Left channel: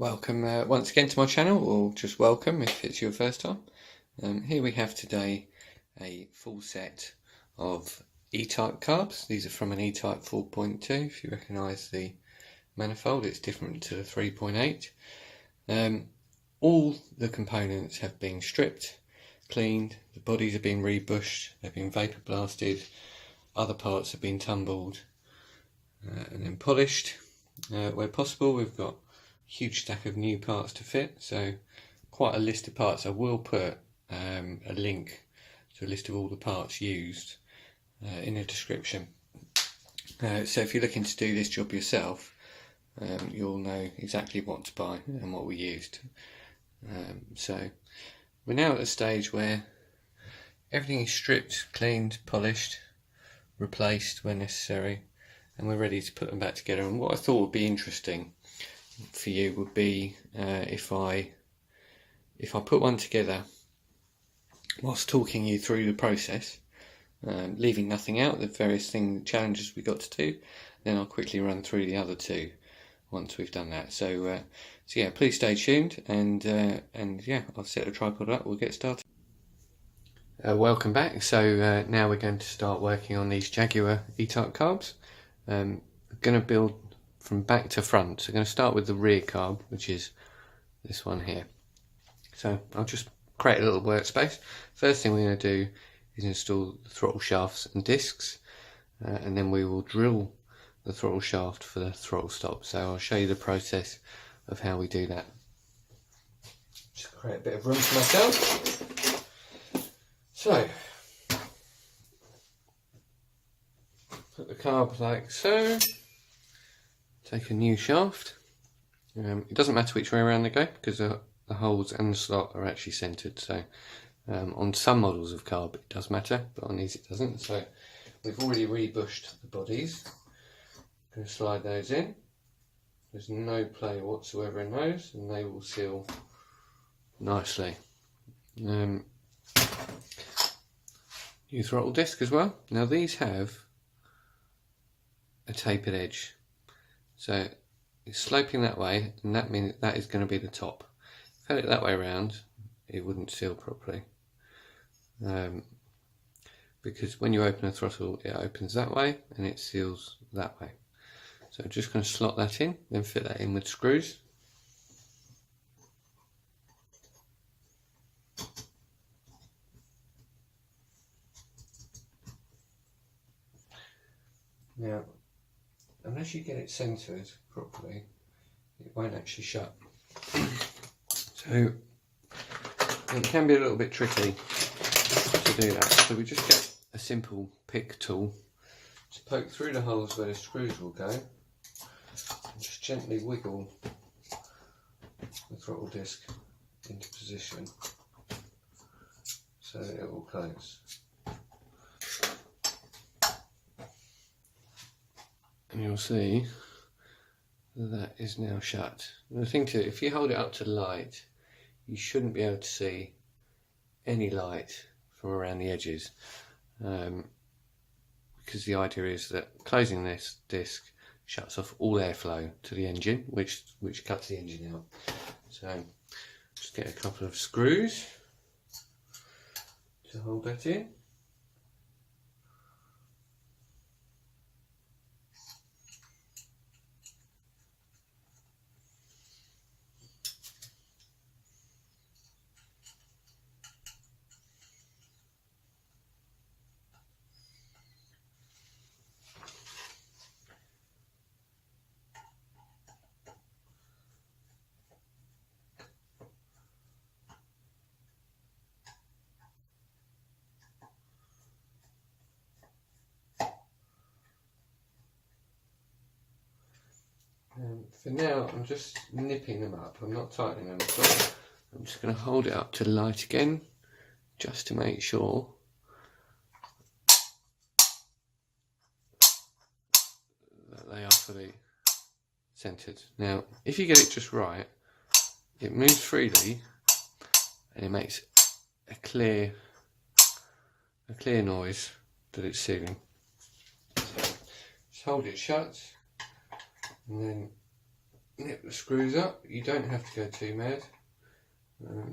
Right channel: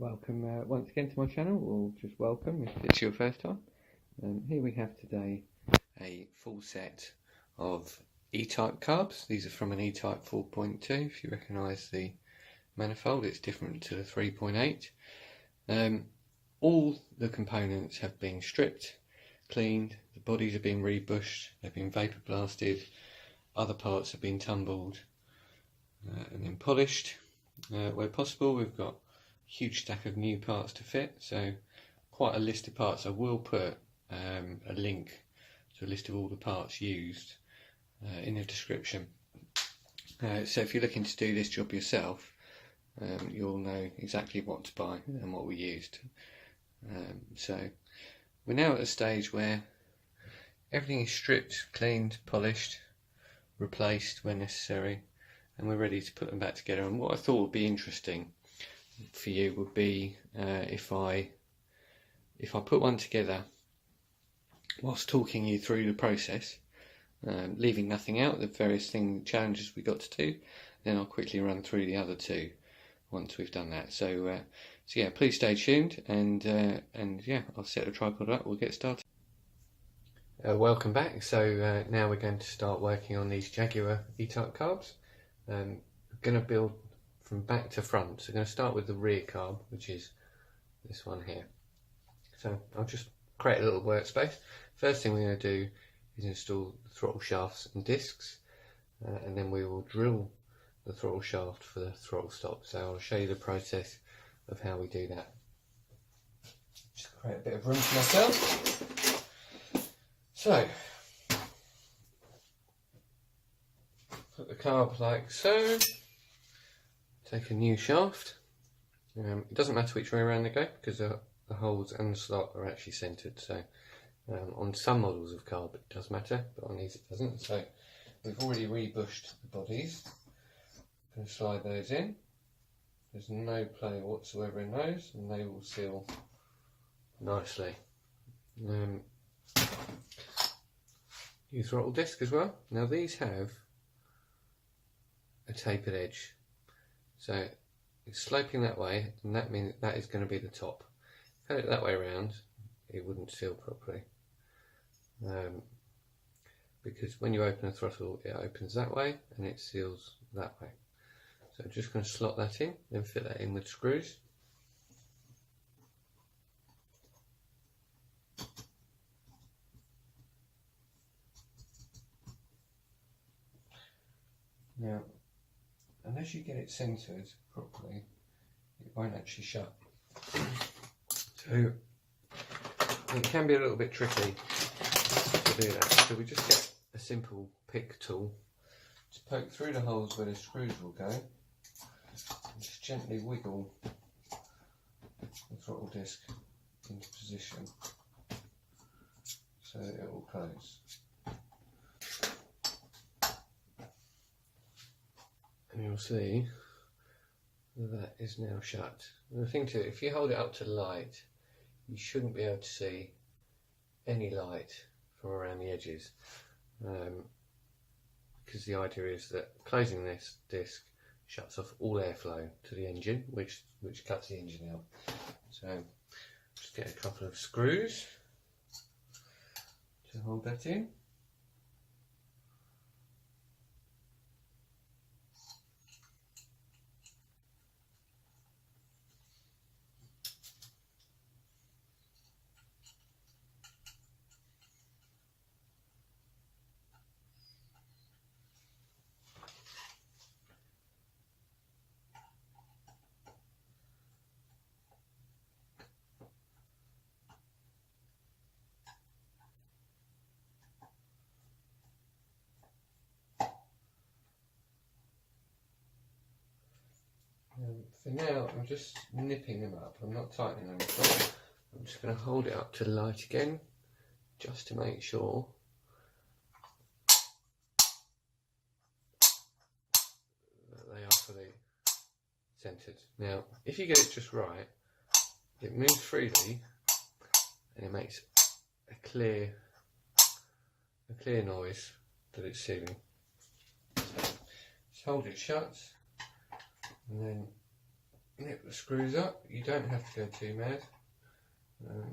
Welcome once again to my channel, or just welcome if it's your first time. Here we have today a full set of E-Type carbs. These are from an E-Type 4.2. If you recognise the manifold, it's different to the 3.8. All the components have been stripped, cleaned, the bodies have been rebushed, they've been vapor blasted, other parts have been tumbled and then polished. Where possible, we've got huge stack of new parts to fit, so quite a list of parts. I will put a link to a list of all the parts used in the description, so if you're looking to do this job yourself, you'll know exactly what to buy and what we used. So we're now at a stage where everything is stripped, cleaned, polished, replaced where necessary, and we're ready to put them back together. And what I thought would be interesting for you would be if I put one together whilst talking you through the process, leaving nothing out, the various challenges we got to do. Then I'll quickly run through the other two once we've done that. So yeah, please stay tuned, and yeah, I'll set the tripod up. We'll get started. Welcome back. So now we're going to start working on these Jaguar E-Type carbs. I'm going to build from back to front. So I'm going to start with the rear carb, which is this one here. So I'll just create a little workspace. First thing we're going to do is install the throttle shafts and discs, and then we will drill the throttle shaft for the throttle stop. So I'll show you the process of how we do that. Just create a bit of room for myself. So put the carb like so. Take a new shaft. It doesn't matter which way around they go, because the holes and the slot are actually centered. So on some models of carb it does matter, but on these it doesn't. So we've already rebushed the bodies. I'm going to slide those in. There's no play whatsoever in those, and they will seal nicely. New throttle disc as well. Now these have a tapered edge, so it's sloping that way, and that means that is going to be the top. If I had it that way around, it wouldn't seal properly, because when you open a throttle, it opens that way and it seals that way. So I'm just going to slot that in, then fit that in with screws. Now, unless you get it centered properly, it won't actually shut. So it can be a little bit tricky to do that. So we just get a simple pick tool to poke through the holes where the screws will go, and just gently wiggle the throttle disc into position so that it will close. And you'll see that is now shut. And the thing too, if you hold it up to the light, you shouldn't be able to see any light from around the edges, because the idea is that closing this disc shuts off all airflow to the engine, which cuts the engine out. So just get a couple of screws to hold that in. For now, I'm just nipping them up. I'm not tightening them at all. I'm just going to hold it up to the light again, just to make sure that they are fully centered. Now, if you get it just right, it moves freely and it makes a clear noise that it's sealing. So just hold it shut, and then nip the screws up. You don't have to go too mad,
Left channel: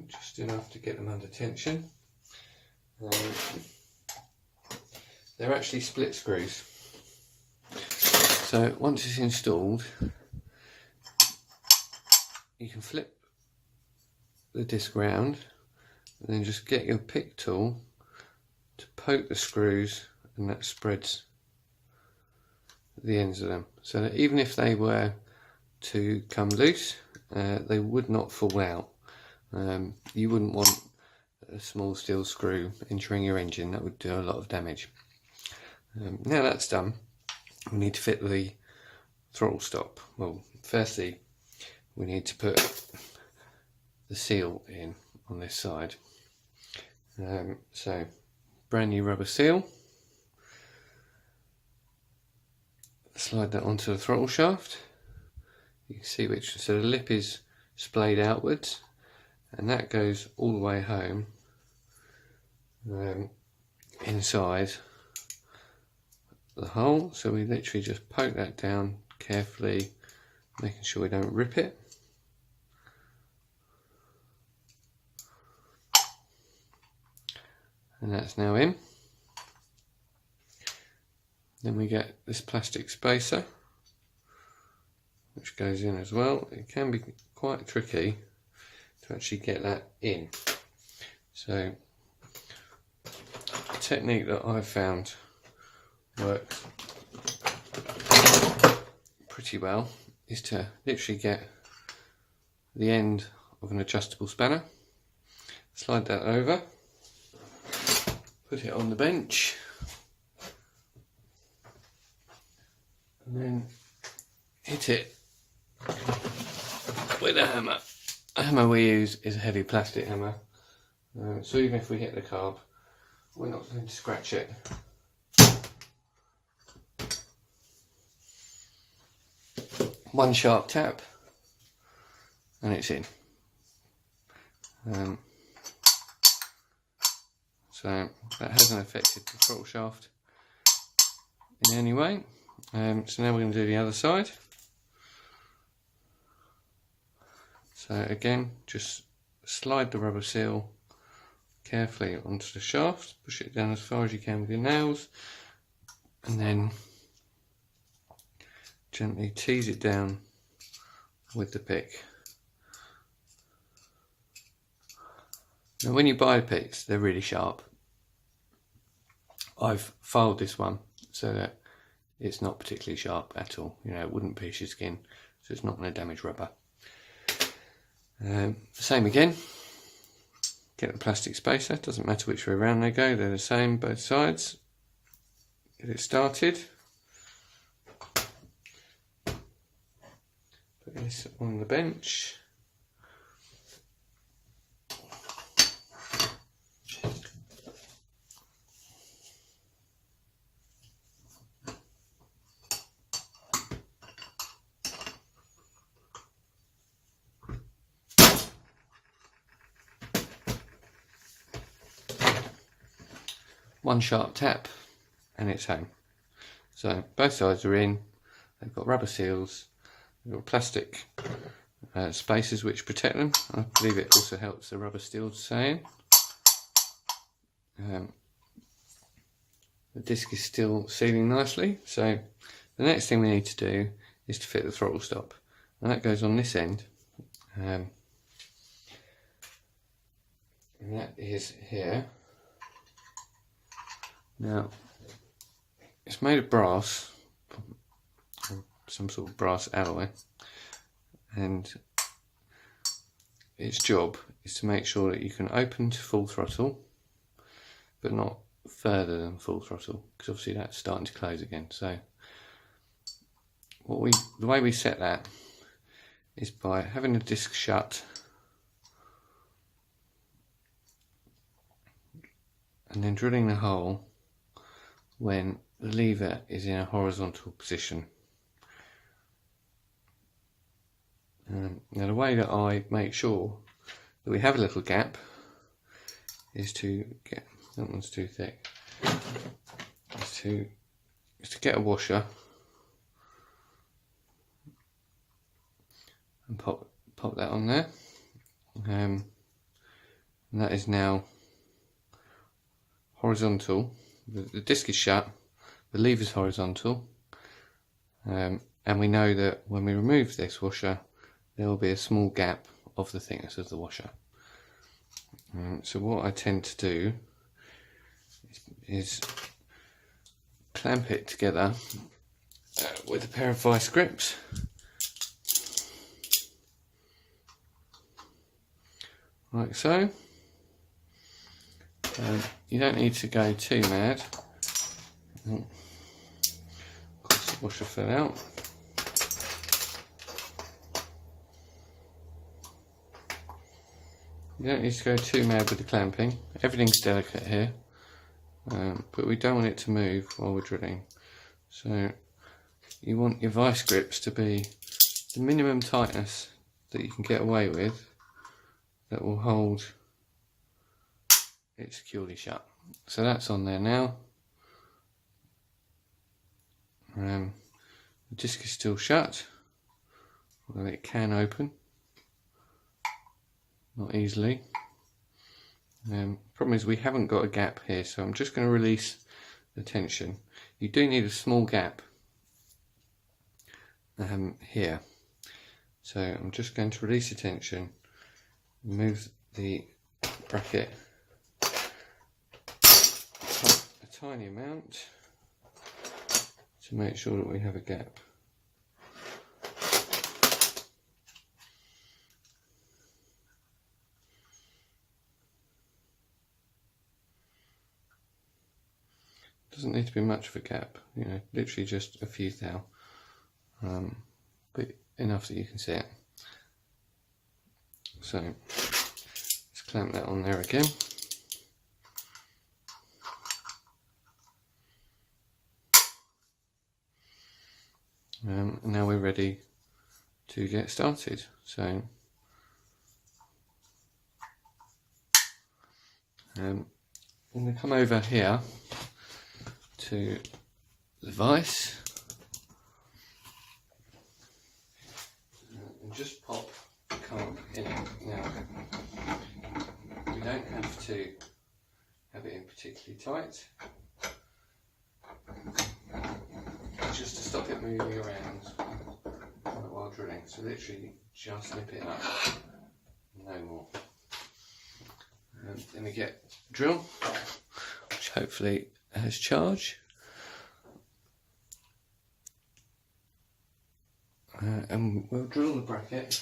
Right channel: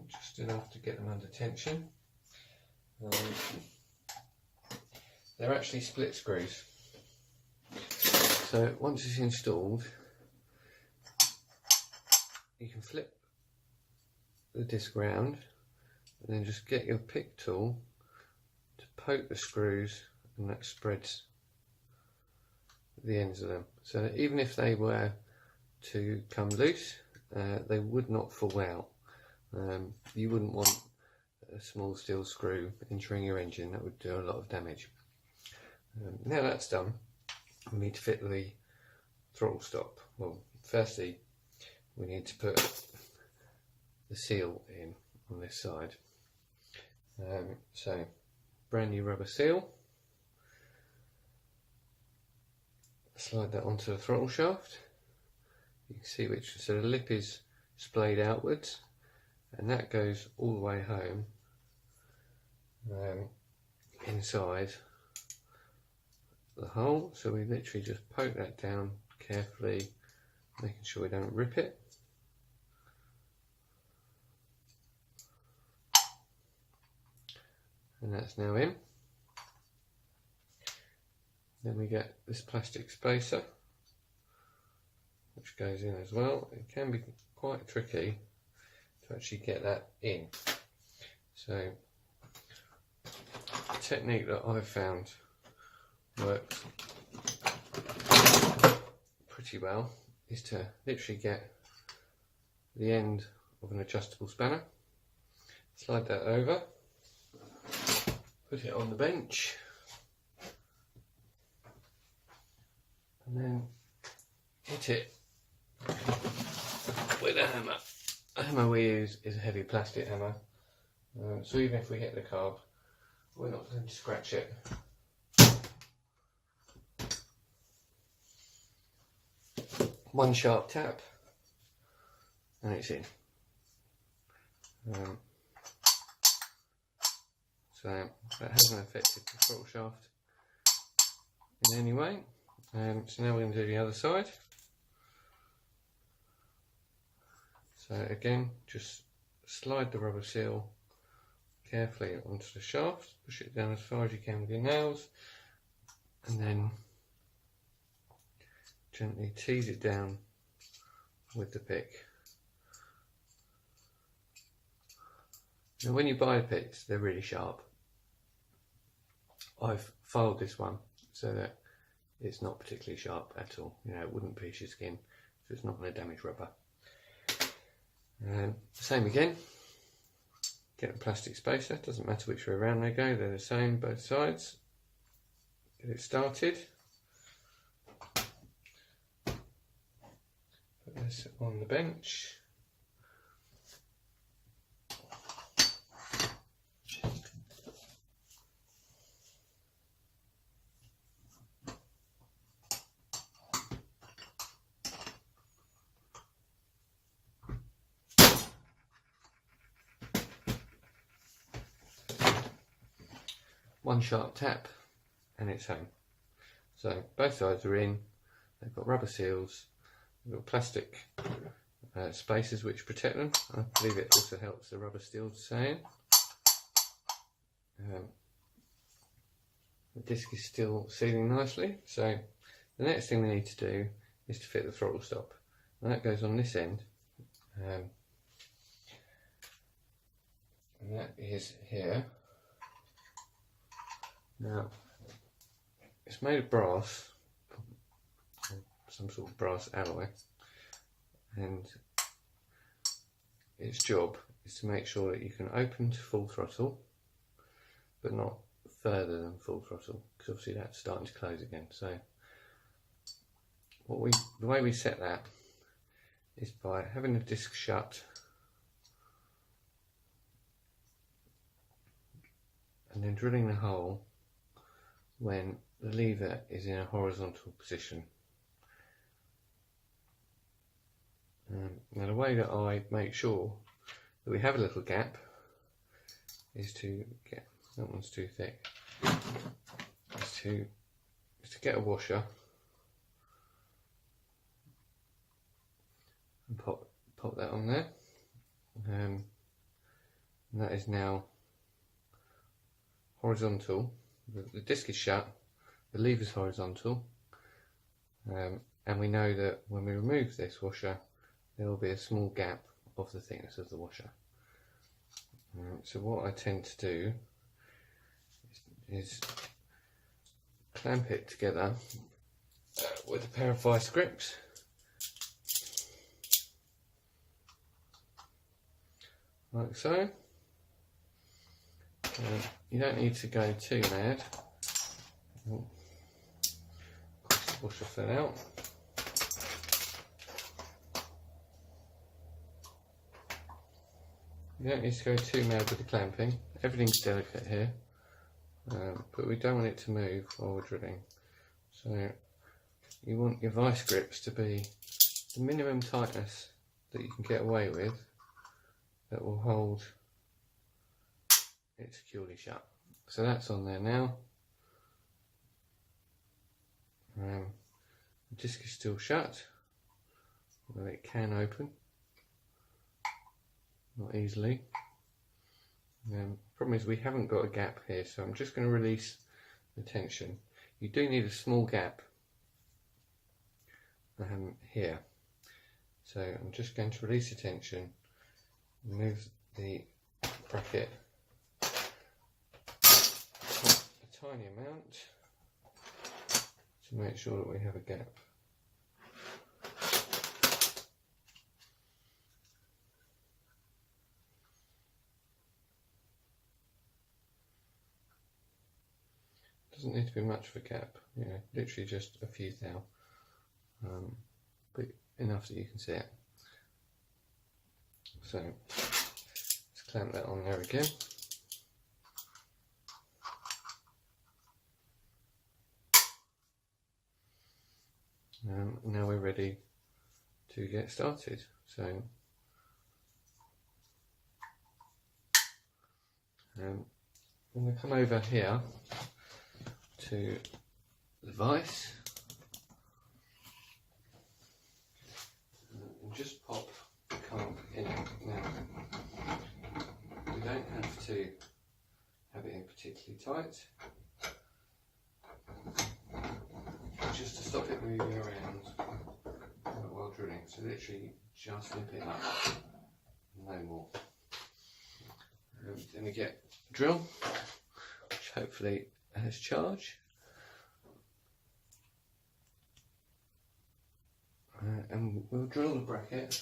just enough to get them under tension. They're actually split screws, so once it's installed you can flip the disc round and then just get your pick tool to poke the screws, and that spreads the ends of them, so that even if they were to come loose, they would not fall out. You wouldn't want a small steel screw entering your engine, that would do a lot of damage. Now that's done, we need to fit the throttle stop. Well, firstly we need to put the seal in on this side. So brand new rubber seal, slide that onto the throttle shaft. You can see which, so the lip is splayed outwards, and that goes all the way home inside the hole. So we literally just poke that down carefully, making sure we don't rip it. And that's now in. Then we get this plastic spacer, which goes in as well. It can be quite tricky to actually get that in. So the technique that I've found works pretty well is to literally get the end of an adjustable spanner, slide that over, put it on the bench, and then hit it with a hammer. The hammer we use is a heavy plastic hammer, so even if we hit the carb, we're not going to scratch it. One sharp tap and it's in. So that hasn't affected the throttle shaft in any way. So now we're going to do the other side. So again, just slide the rubber seal carefully onto the shaft, push it down as far as you can with your nails, and then gently tease it down with the pick. Now when you buy picks, they're really sharp. I've filed this one so that it's not particularly sharp at all. You know, it wouldn't pierce your skin, so it's not going to damage rubber. Same again, get the plastic spacer, doesn't matter which way around they go, they're the same both sides. Get it started. Put this on the bench. One sharp tap and it's home. So both sides are in, they've got rubber seals, they've got plastic spacers which protect them. I believe it also helps the rubber steel to stay in. The disc is still sealing nicely, so the next thing we need to do is to fit the throttle stop, and that goes on this end, and that is here. Now it's made of brass, some sort of brass alloy, and its job is to make sure that you can open to full throttle but not further than full throttle, because obviously that's starting to close again. So the way we set that is by having the disc shut and then drilling the hole when the lever is in a horizontal position. Now the way that I make sure that we have a little gap is to get, that one's too thick, is to get a washer and pop that on there. And that is now horizontal. The disc is shut, the lever is horizontal, and we know that when we remove this washer there will be a small gap of the thickness of the washer. So what I tend to do is clamp it together with a pair of vice grips. Like so. You don't need to go too mad. Of course the washer fell out. You don't need to go too mad with the clamping. Everything's delicate here, but we don't want it to move while we're drilling. So you want your vice grips to be the minimum tightness that you can get away with, that will hold it securely shut. So that's on there now. The disc is still shut, although it can open, not easily. Problem is we haven't got a gap here, so I'm just going to release the tension. You do need a small gap here, so I'm just going to release the tension, move the bracket a tiny amount to make sure that we have a gap. Doesn't need to be much of a gap, you know, literally just a few thou, but enough that you can see it. So let's clamp that on there again. And now we're ready to get started. So I'm going to come over here to the vise and just pop the carb in it. Now we don't have to have it in particularly tight, just to stop it moving around while drilling. So literally just nip it up, no more. Then we get drill, which hopefully has charge, and we'll drill the bracket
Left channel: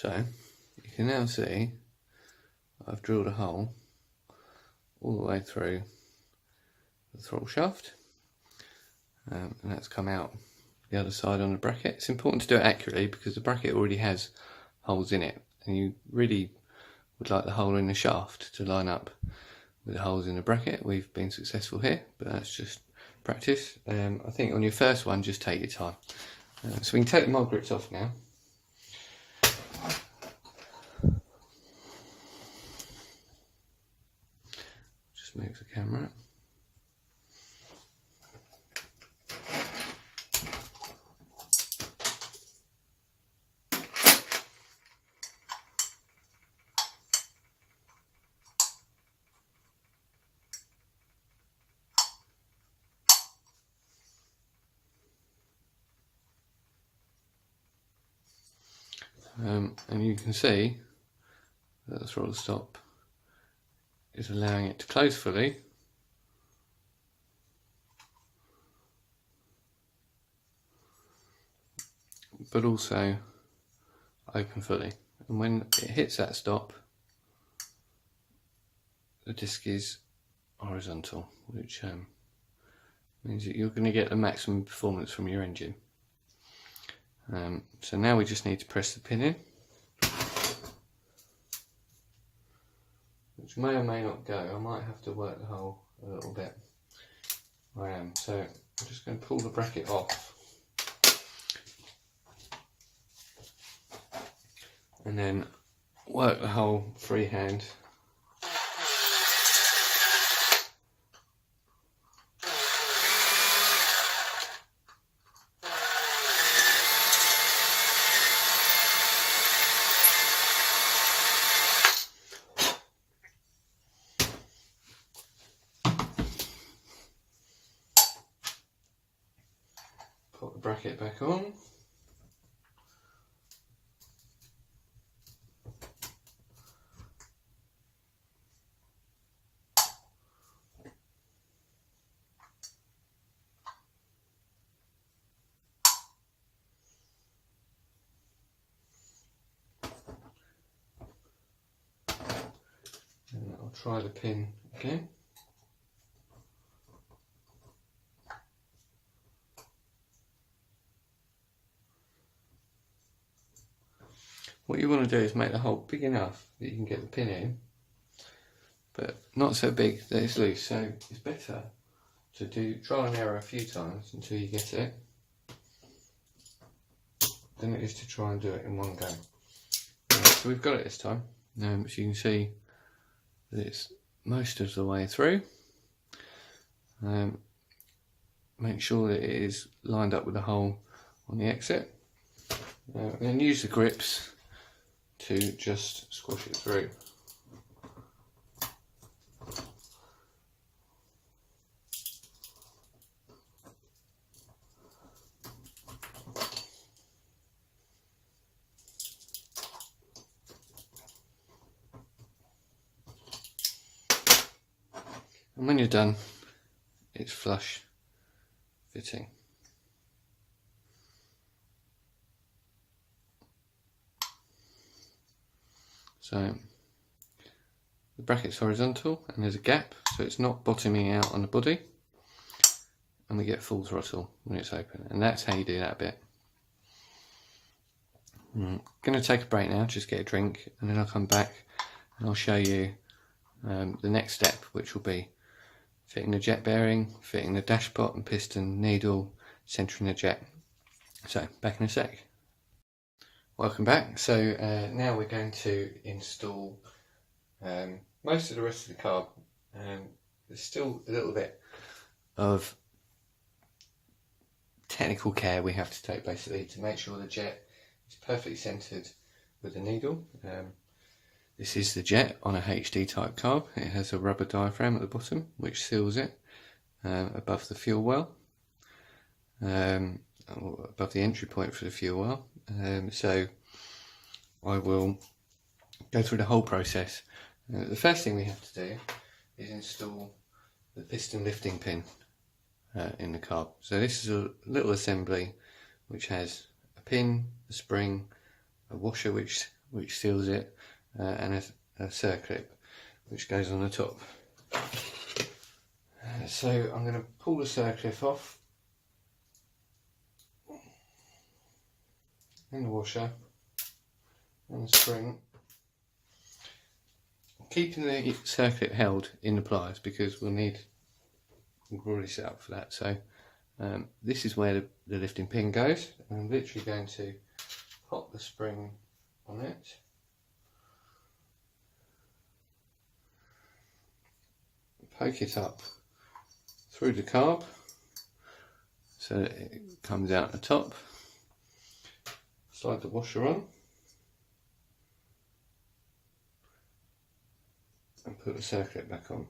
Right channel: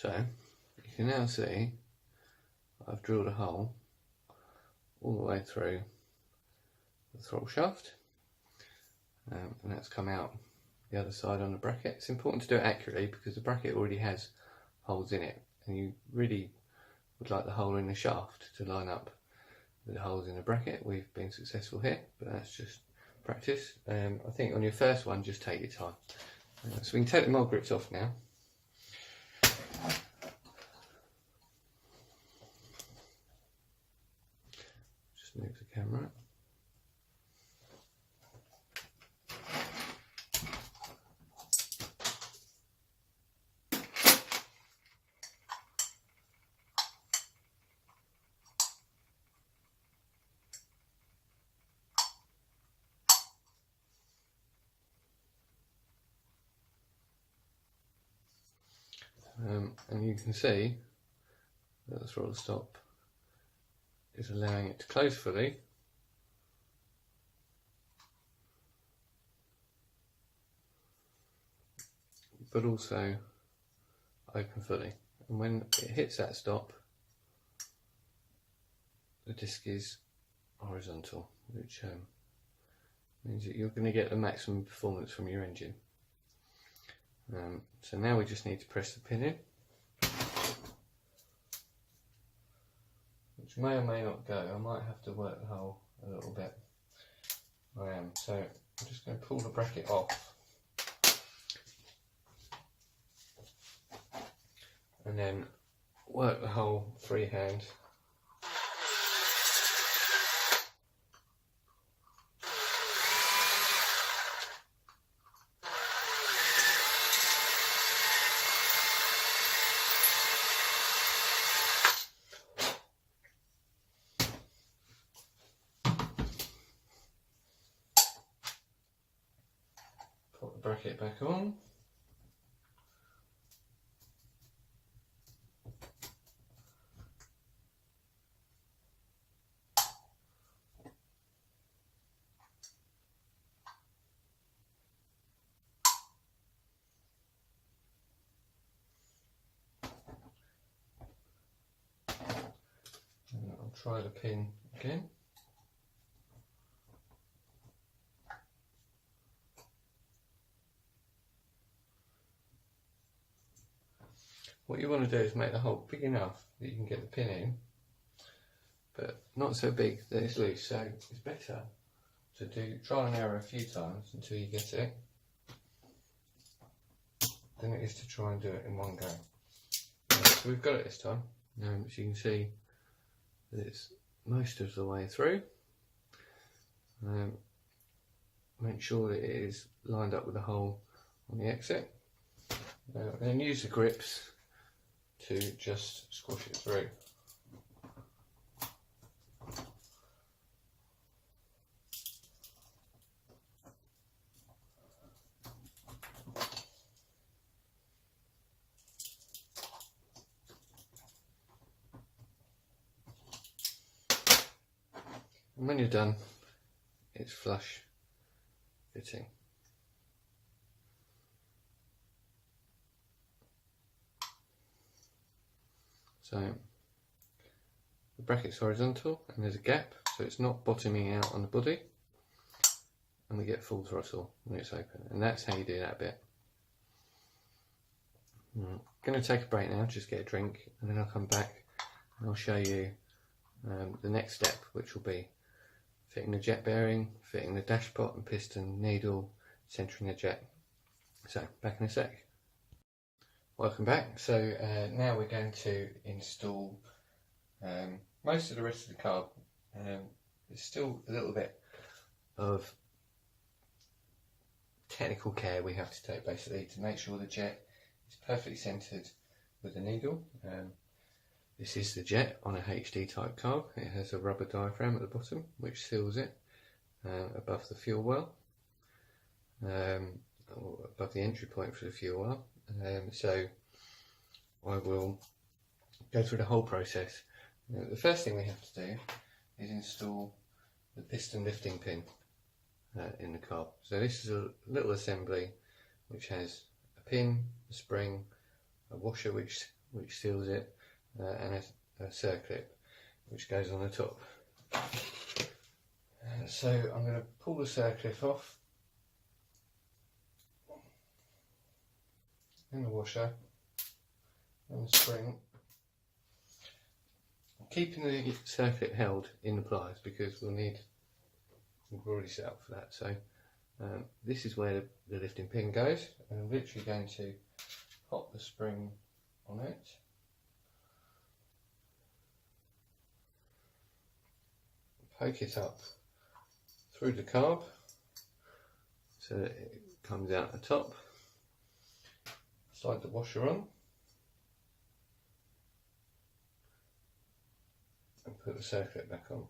So you can now see I've drilled a hole all the way through the throttle shaft, and that's come out the other side on the bracket. It's important to do it accurately because the bracket already has holes in it, and you really would like the hole in the shaft to line up with the holes in the bracket. We've been successful here, but that's just practice. I think on your first one, just take your time. So we can take the mold grips off now. Just move the camera. And you can see that the throttle stop is allowing it to close fully, but also open fully. And when it hits that stop, the disc is horizontal, which means that you're going to get the maximum performance from your engine. So now we just need to press the pin in, which may or may not go. I might have to work the hole a little bit where I am. So I'm just going to pull the bracket off and then work the hole freehand. Put the bracket back on. And I'll try the pin again. What you want to do is make the hole big enough that you can get the pin in, but not so big that it's loose. So it's better to do trial and error a few times until you get it, than it is to try and do it in one go. So we've got it this time. As you can see that it's most of the way through. Make sure that it is lined up with the hole on the exit. And then use the grips to just squash it through. And when you're done, it's flush fitting. So the bracket's horizontal and there's a gap, so it's not bottoming out on the body, and we get full throttle when it's open, and that's how you do that bit. I'm going to take a break now, just get a drink, and then I'll come back and I'll show you the next step, which will be fitting the jet bearing, fitting the dashpot and piston needle, centering the jet. So back in a sec. Welcome back. So now we're going to install most of the rest of the carb. There's still a little bit of technical care we have to take basically to make sure the jet is perfectly centered with the needle. This is the jet on a HD type carb. It has a rubber diaphragm at the bottom which seals it above the fuel well, or above the entry point for the fuel well. So I will go through the whole process. The first thing we have to do is install the piston lifting pin in the carb. So this is a little assembly which has a pin, a spring, a washer which seals it, and a circlip which goes on the top. So I'm going to pull the circlip off, and the washer and the spring, keeping the circlip held in the pliers because we're already set up for that. So this is where the lifting pin goes. I'm literally going to pop the spring on it, poke it up through the carb so that it comes out the top, slide the washer on and put the circlip back on.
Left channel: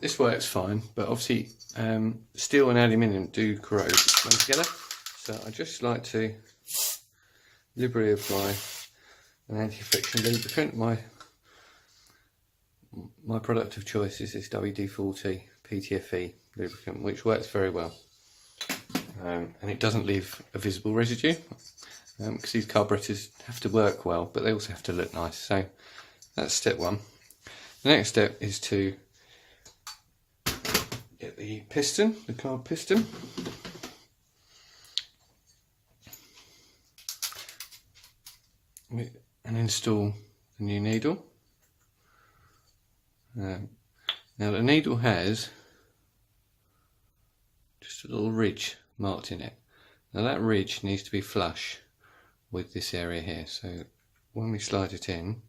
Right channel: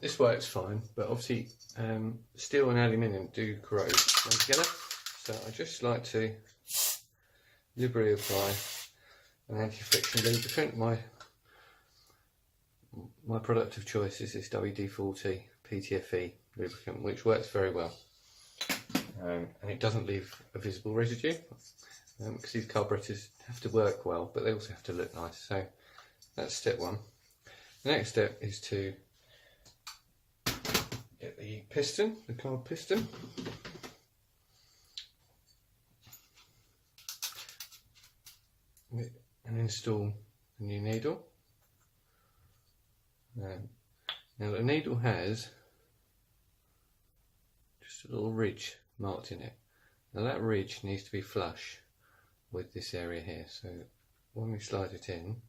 This works fine, but obviously steel and aluminium do corrode when together, so I just like to liberally apply an anti-friction lubricant. My product of choice is this WD-40 PTFE lubricant, which works very well, and it doesn't leave a visible residue, because these carburetors have to work well, but they also have to look nice. So that's step one. The next step is to get the piston, the carb piston, and install the new needle. Now the needle has just a little ridge marked in it. Now that ridge needs to be flush with this area here, so when we slide it in,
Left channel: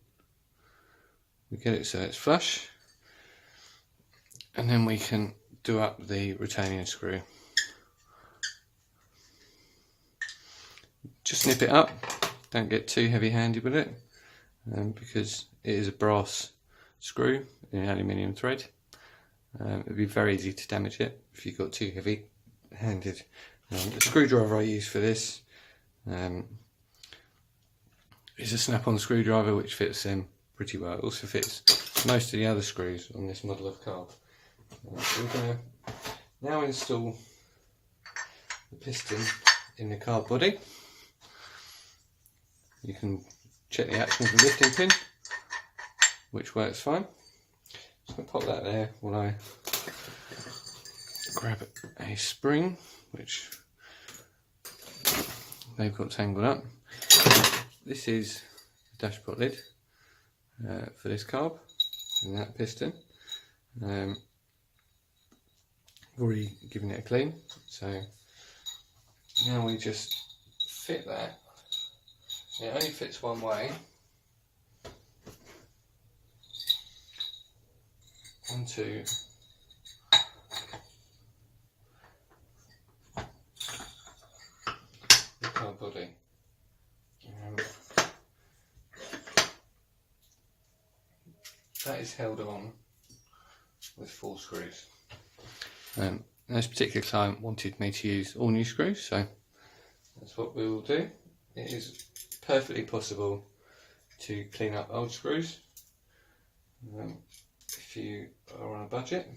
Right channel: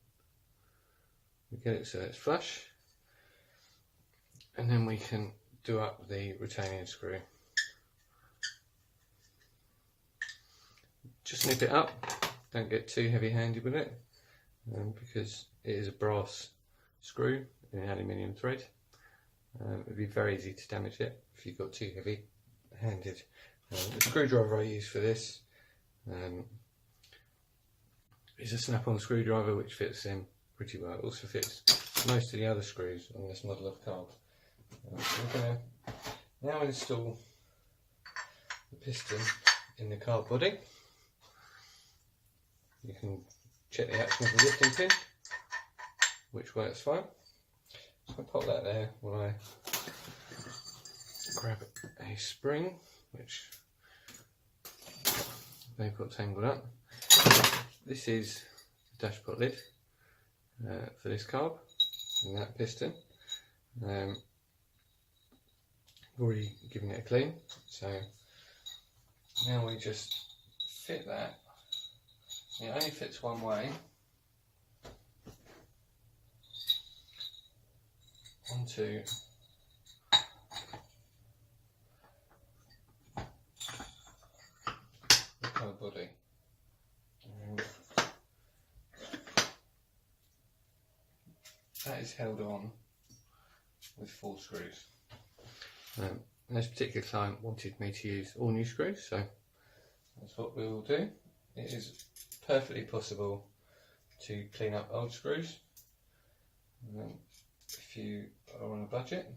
we get it so it's flush, and then we can do up the retaining screw. Just snip it up, don't get too heavy handed with it, because it is a brass screw in an aluminium thread. It would be very easy to damage it if you got too heavy handed. The screwdriver I use for this is a snap-on screwdriver, which fits them pretty well. It also fits most of the other screws on this model of carb. So we're going to now install the piston in the carb body. You can check the action of the lifting pin, which works fine. So I'll pop that there while I grab a spring, which they've got tangled up. This is the dashpot lid for this carb and that piston. I've already given it a clean, so now we just fit that. It only fits one way onto the carb body. That is held on with 4 screws. This particular client wanted me to use all new screws, so that's what we will do. It is perfectly possible to clean up old screws if you are on a budget,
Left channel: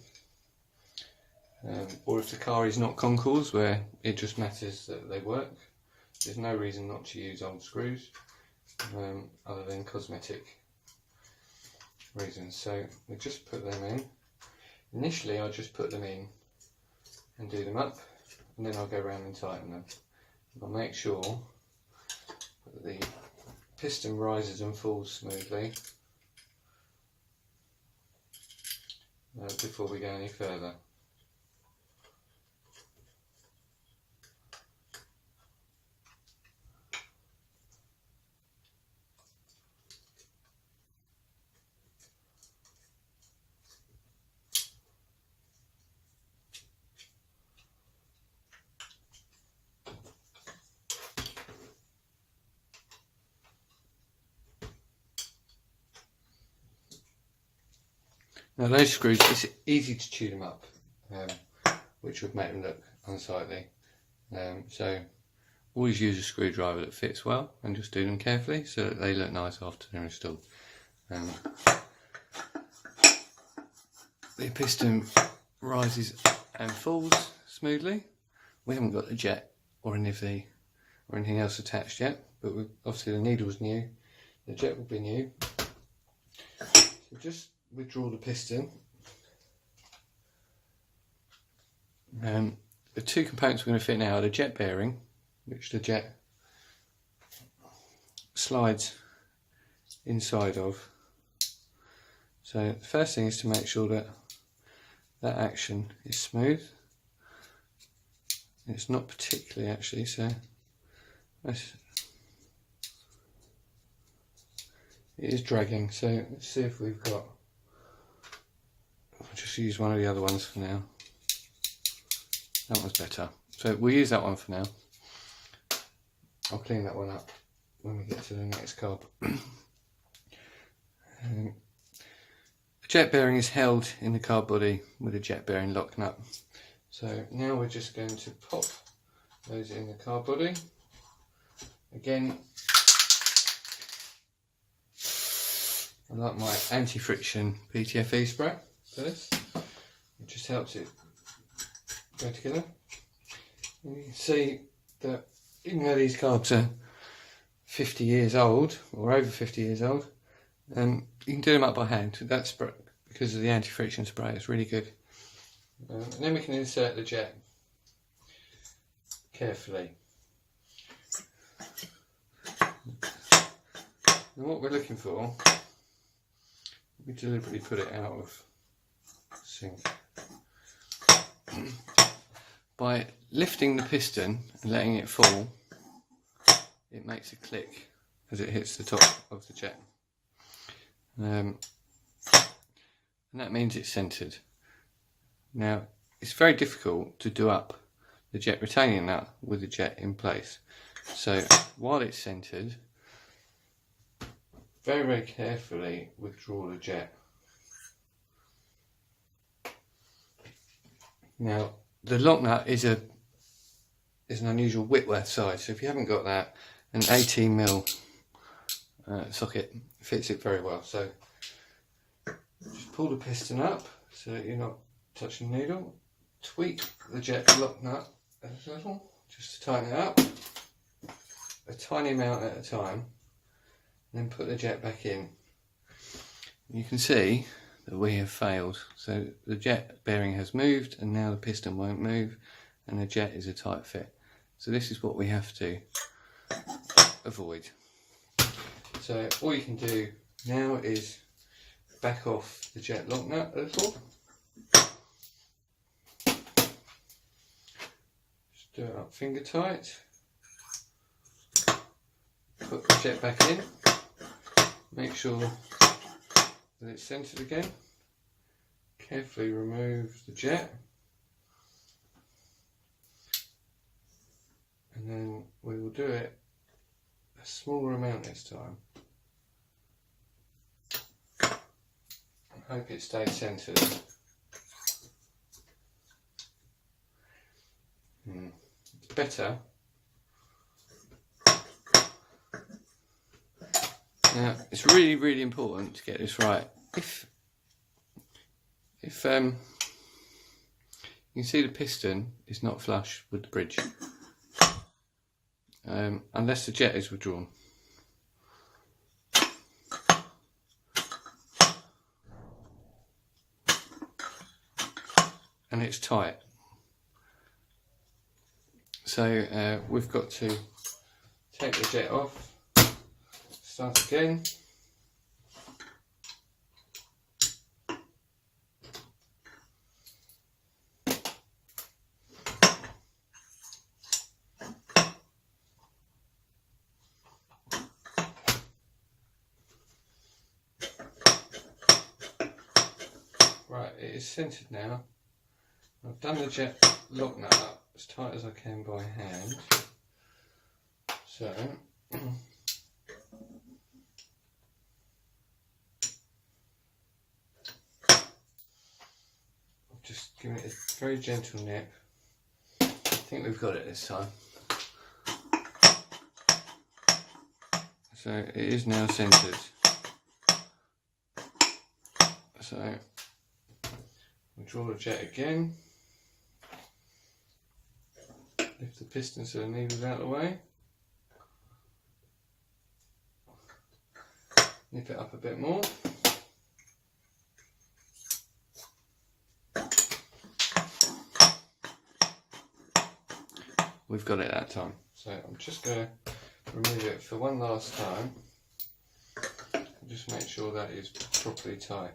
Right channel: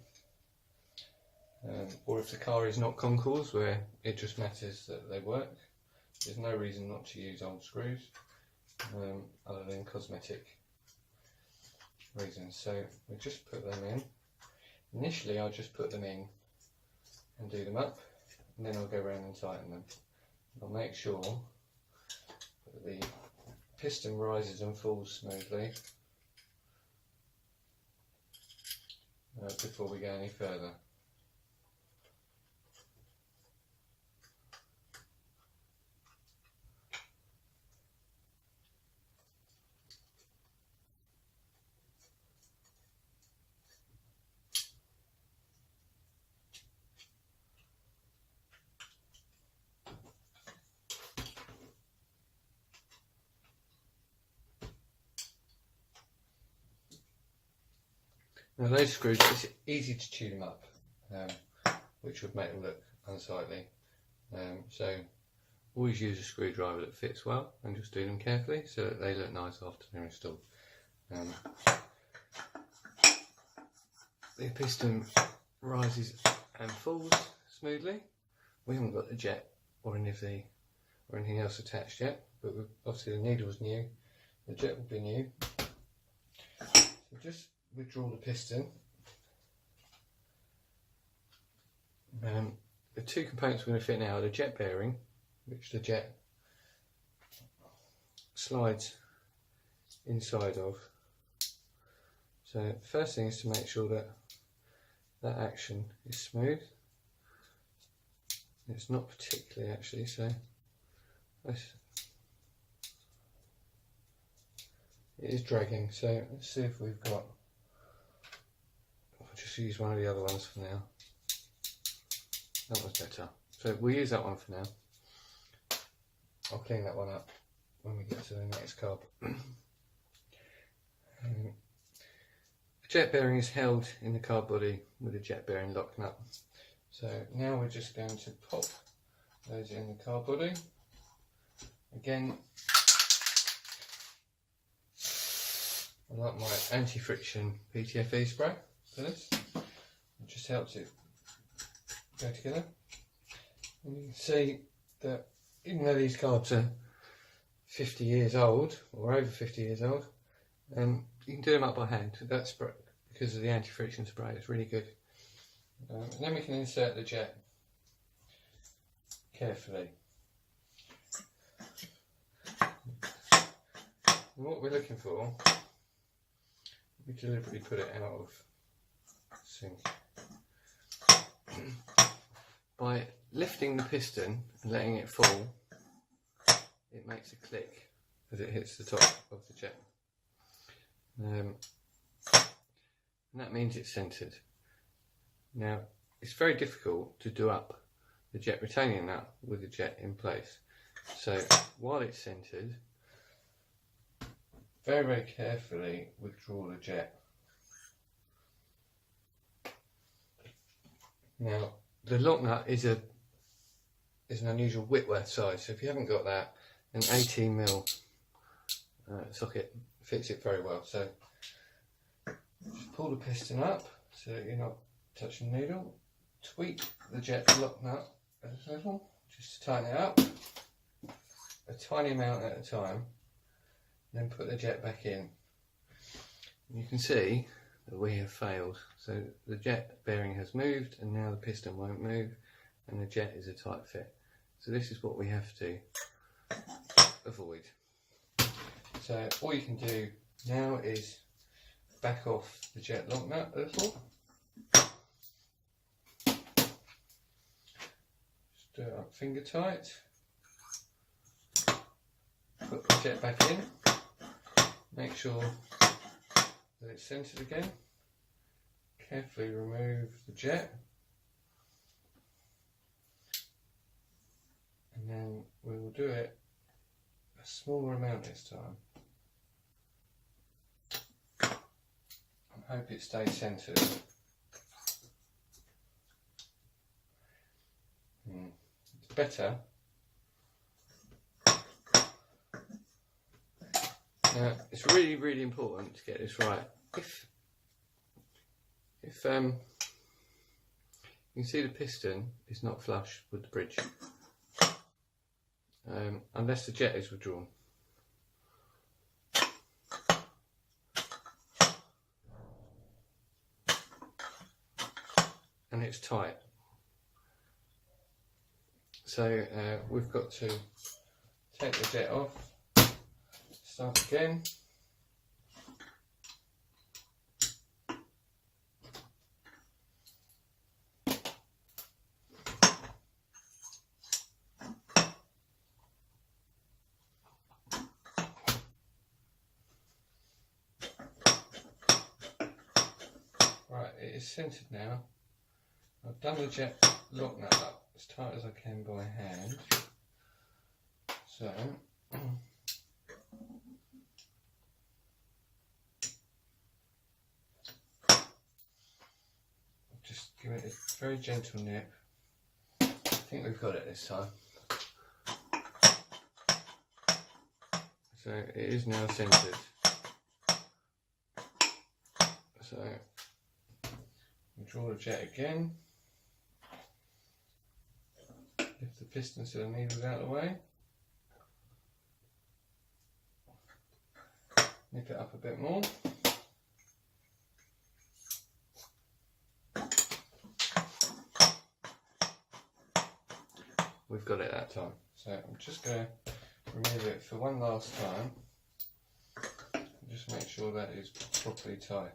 or if the car is not concours where it just matters that they work. There's no reason not to use old screws other than cosmetic reasons. So we just put them in. Initially I'll just put them in and do them up, and then I'll go around and tighten them. I'll make sure that the piston rises and falls smoothly before we go any further. Now those screws, it's easy to chew them up, which would make them look unsightly. So always use a screwdriver that fits well, and just do them carefully so that they look nice after they're installed. The piston rises and falls smoothly. We haven't got the jet or anything else attached yet, but obviously the needle's new, the jet will be new. So just withdraw the piston. The 2 components we're going to fit now are the jet bearing, which the jet slides inside of. So the first thing is to make sure that that action is smooth. It's not particularly actually, so it is dragging. So let's see if we've got, I'll just use one of the other ones for now. That one's better. So we'll use that one for now. I'll clean that one up when we get to the next carb. The jet bearing is held in the carb body with the jet bearing lock nut. So now we're just going to pop those in the carb body. Again, I like my anti-friction PTFE spray for this. It just helps it go together. And you can see that even though these carbs are 50 years old, or over 50 years old, you can do them up by hand. That's because of the anti-friction spray, it's really good. And then we can insert the jet carefully. And what we're looking for, we deliberately put it out of sync. By lifting the piston and letting it fall, it makes a click as it hits the top of the jet. And that means it's centered. Now, it's very difficult to do up the jet retaining nut with the jet in place. So while it's centered, very, very carefully withdraw the jet. Now, the lock nut is an unusual Whitworth size, so if you haven't got that, an 18mm socket fits it very well. So just pull the piston up so that you're not touching the needle. Tweak the jet lock nut a little, just to tighten it up, a tiny amount at a time. Then put the jet back in. You can see that we have failed. So the jet bearing has moved and now the piston won't move and the jet is a tight fit. So this is what we have to avoid. So all you can do now is back off the jet lock nut a little. Just do it up finger tight. Put the jet back in. Make sure that it's centered again. Carefully remove the jet. And then we will do it a smaller amount this time. I hope it stays centered. It's better. Now, it's really, really important to get this right. If you can see the piston is not flush with the bridge, unless the jet is withdrawn. And it's tight. So we've got to take the jet off. Start again. Right, it is centered now. I've done the jet lock nut up as tight as I can by hand. So just give it a very gentle nip. I think we've got it this time. So it is now centered. So we'll draw the jet again. Lift the piston so the needle's out of the way. Nip it up a bit more. We've got it that time. So I'm just going to remove it for one last time. Just make sure that is properly tight.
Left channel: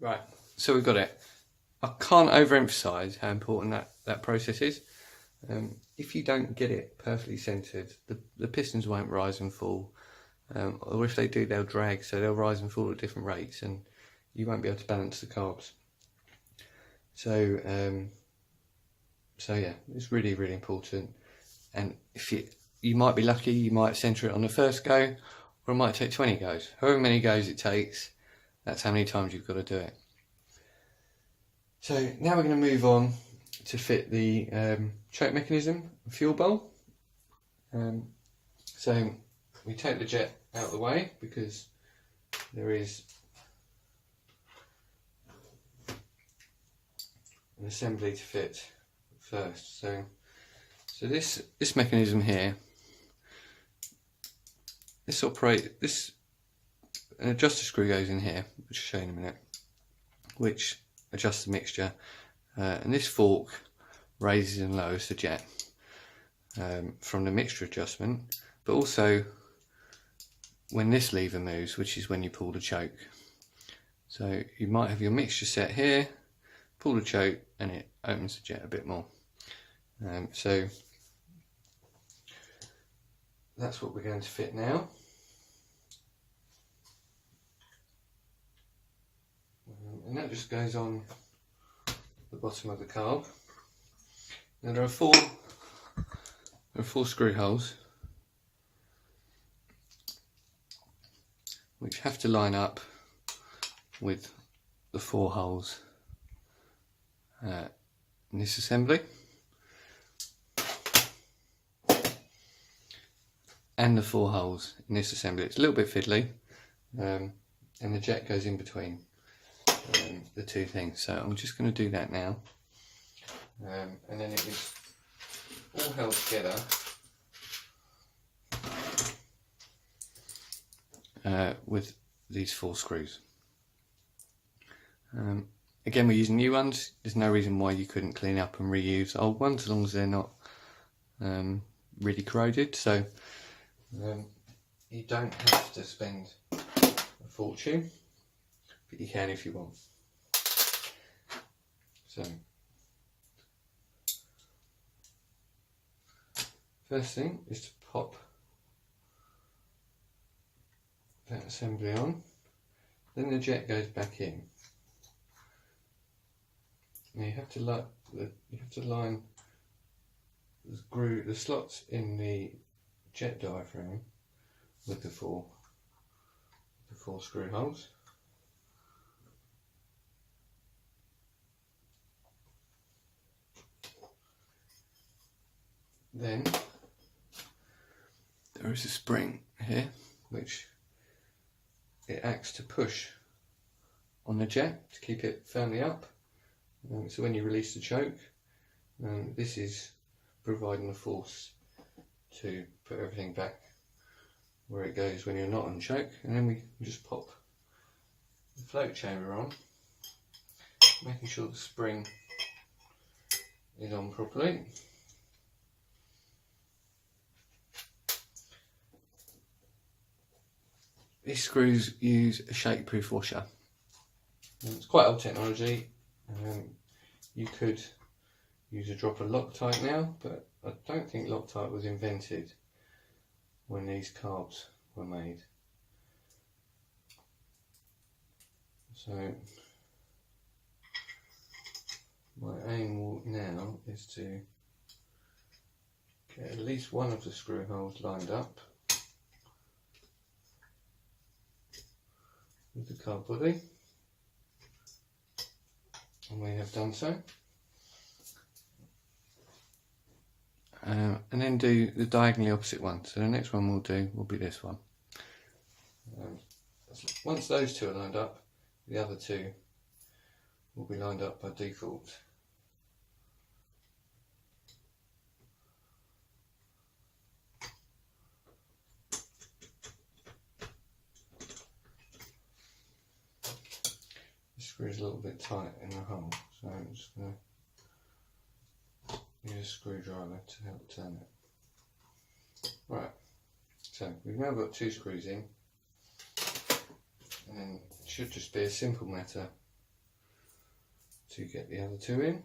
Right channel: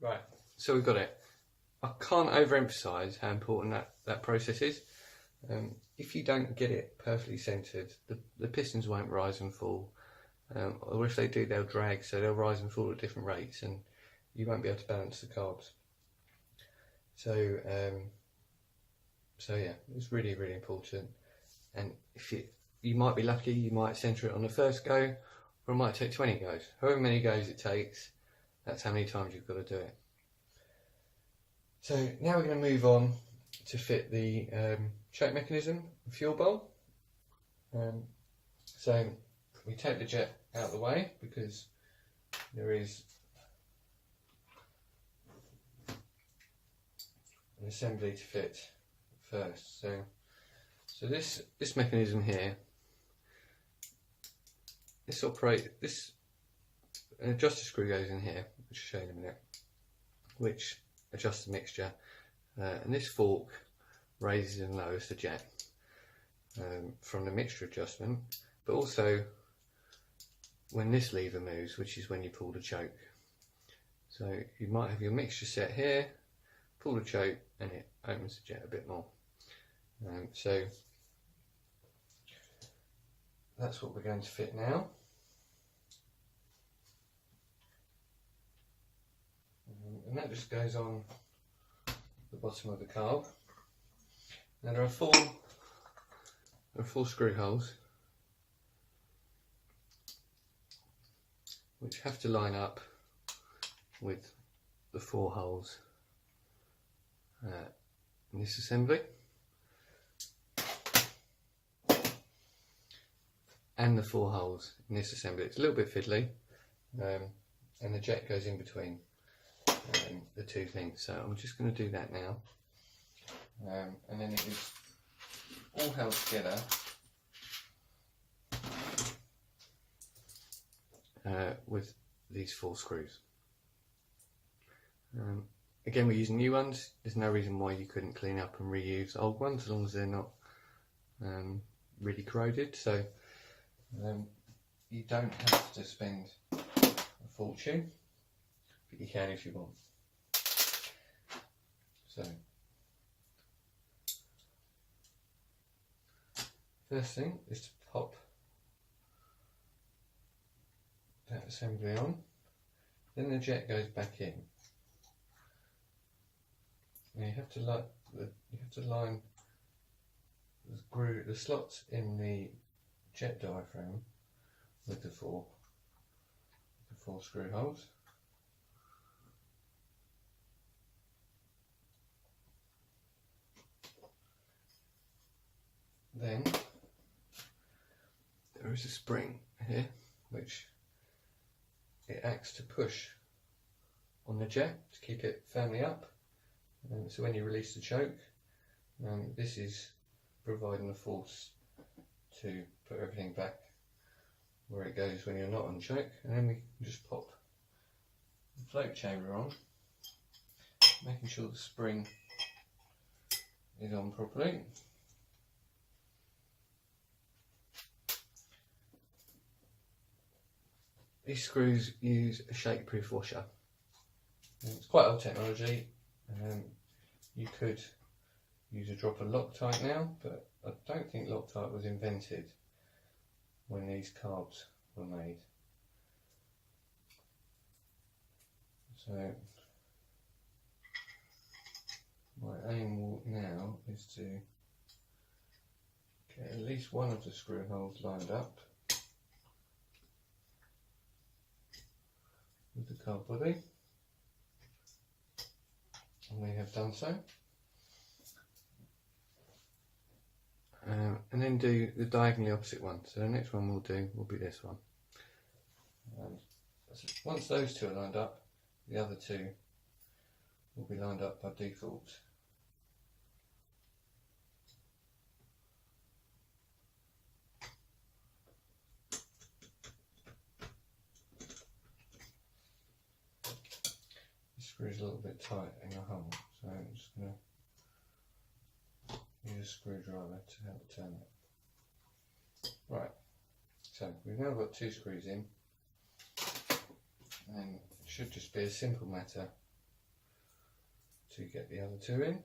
Right, so we've got it. I can't overemphasise how important that process is. If you don't get it perfectly centred, the pistons won't rise and fall. Or if they do, they'll drag, so they'll rise and fall at different rates and you won't be able to balance the carbs. So yeah, it's really, really important. And if you might be lucky, you might centre it on the first go, or it might take 20 goes. However many goes it takes, that's how many times you've got to do it. So now we're going to move on to fit the choke mechanism and fuel bowl. So we take the jet out of the way because there is an assembly to fit first. So this mechanism here, an adjuster screw goes in here, which I'll show you in a minute, which adjusts the mixture, and this fork raises and lowers the jet from the mixture adjustment, but also when this lever moves, which is when you pull the choke. So you might have your mixture set here, pull the choke, and it opens the jet a bit more. So that's what we're going to fit now. And that just goes on the bottom of the carb. Now there are four screw holes which have to line up with the 4 holes in this assembly, and the 4 holes in this assembly. It's a little bit fiddly, and the jet goes in between the 2 things. So I'm just going to do that now, and then it is all held together with these 4 screws. Again, we're using new ones. There's no reason why you couldn't clean up and reuse old ones as long as they're not really corroded. So you don't have to spend a fortune, but you can if you want. So first thing is to pop that assembly on, then the jet goes back in. Now you have to line the slots in the jet diaphragm with the four screw holes. Then there is a spring here which it acts to push on the jet to keep it firmly up. So when you release the choke, this is providing the force to put everything back where it goes when you're not on choke. And then we just pop the float chamber on, making sure the spring is on properly. These screws use a shake-proof washer. It's quite old technology. You could use a drop of Loctite now, but I don't think Loctite was invented when these carbs were made. So my aim now is to get at least one of the screw holes lined up with the carb body, and we have done so. And then do the diagonally opposite one. So the next one we'll do will be this one. Once those 2 are lined up, the other 2 will be lined up by default. Screw is a little bit tight in the hole, so I'm just going to use a screwdriver to help turn it. Right, so we've now got 2 screws in, and then it should just be a simple matter to get the other 2 in.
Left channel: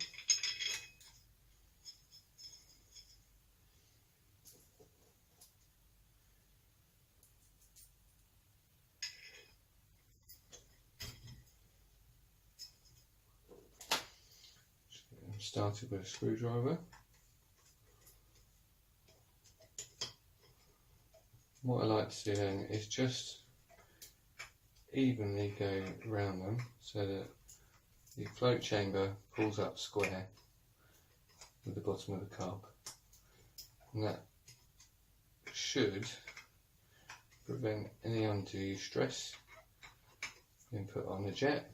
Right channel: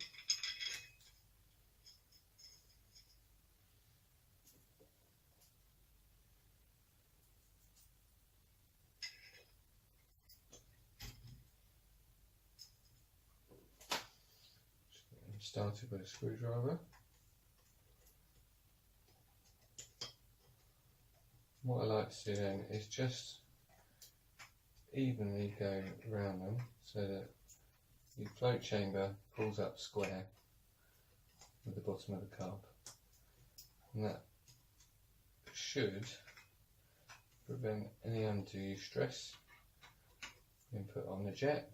Started with a screwdriver. What I like to do then is just evenly go around them so that the float chamber pulls up square with the bottom of the carb, and that should prevent any undue stress being put on the jet.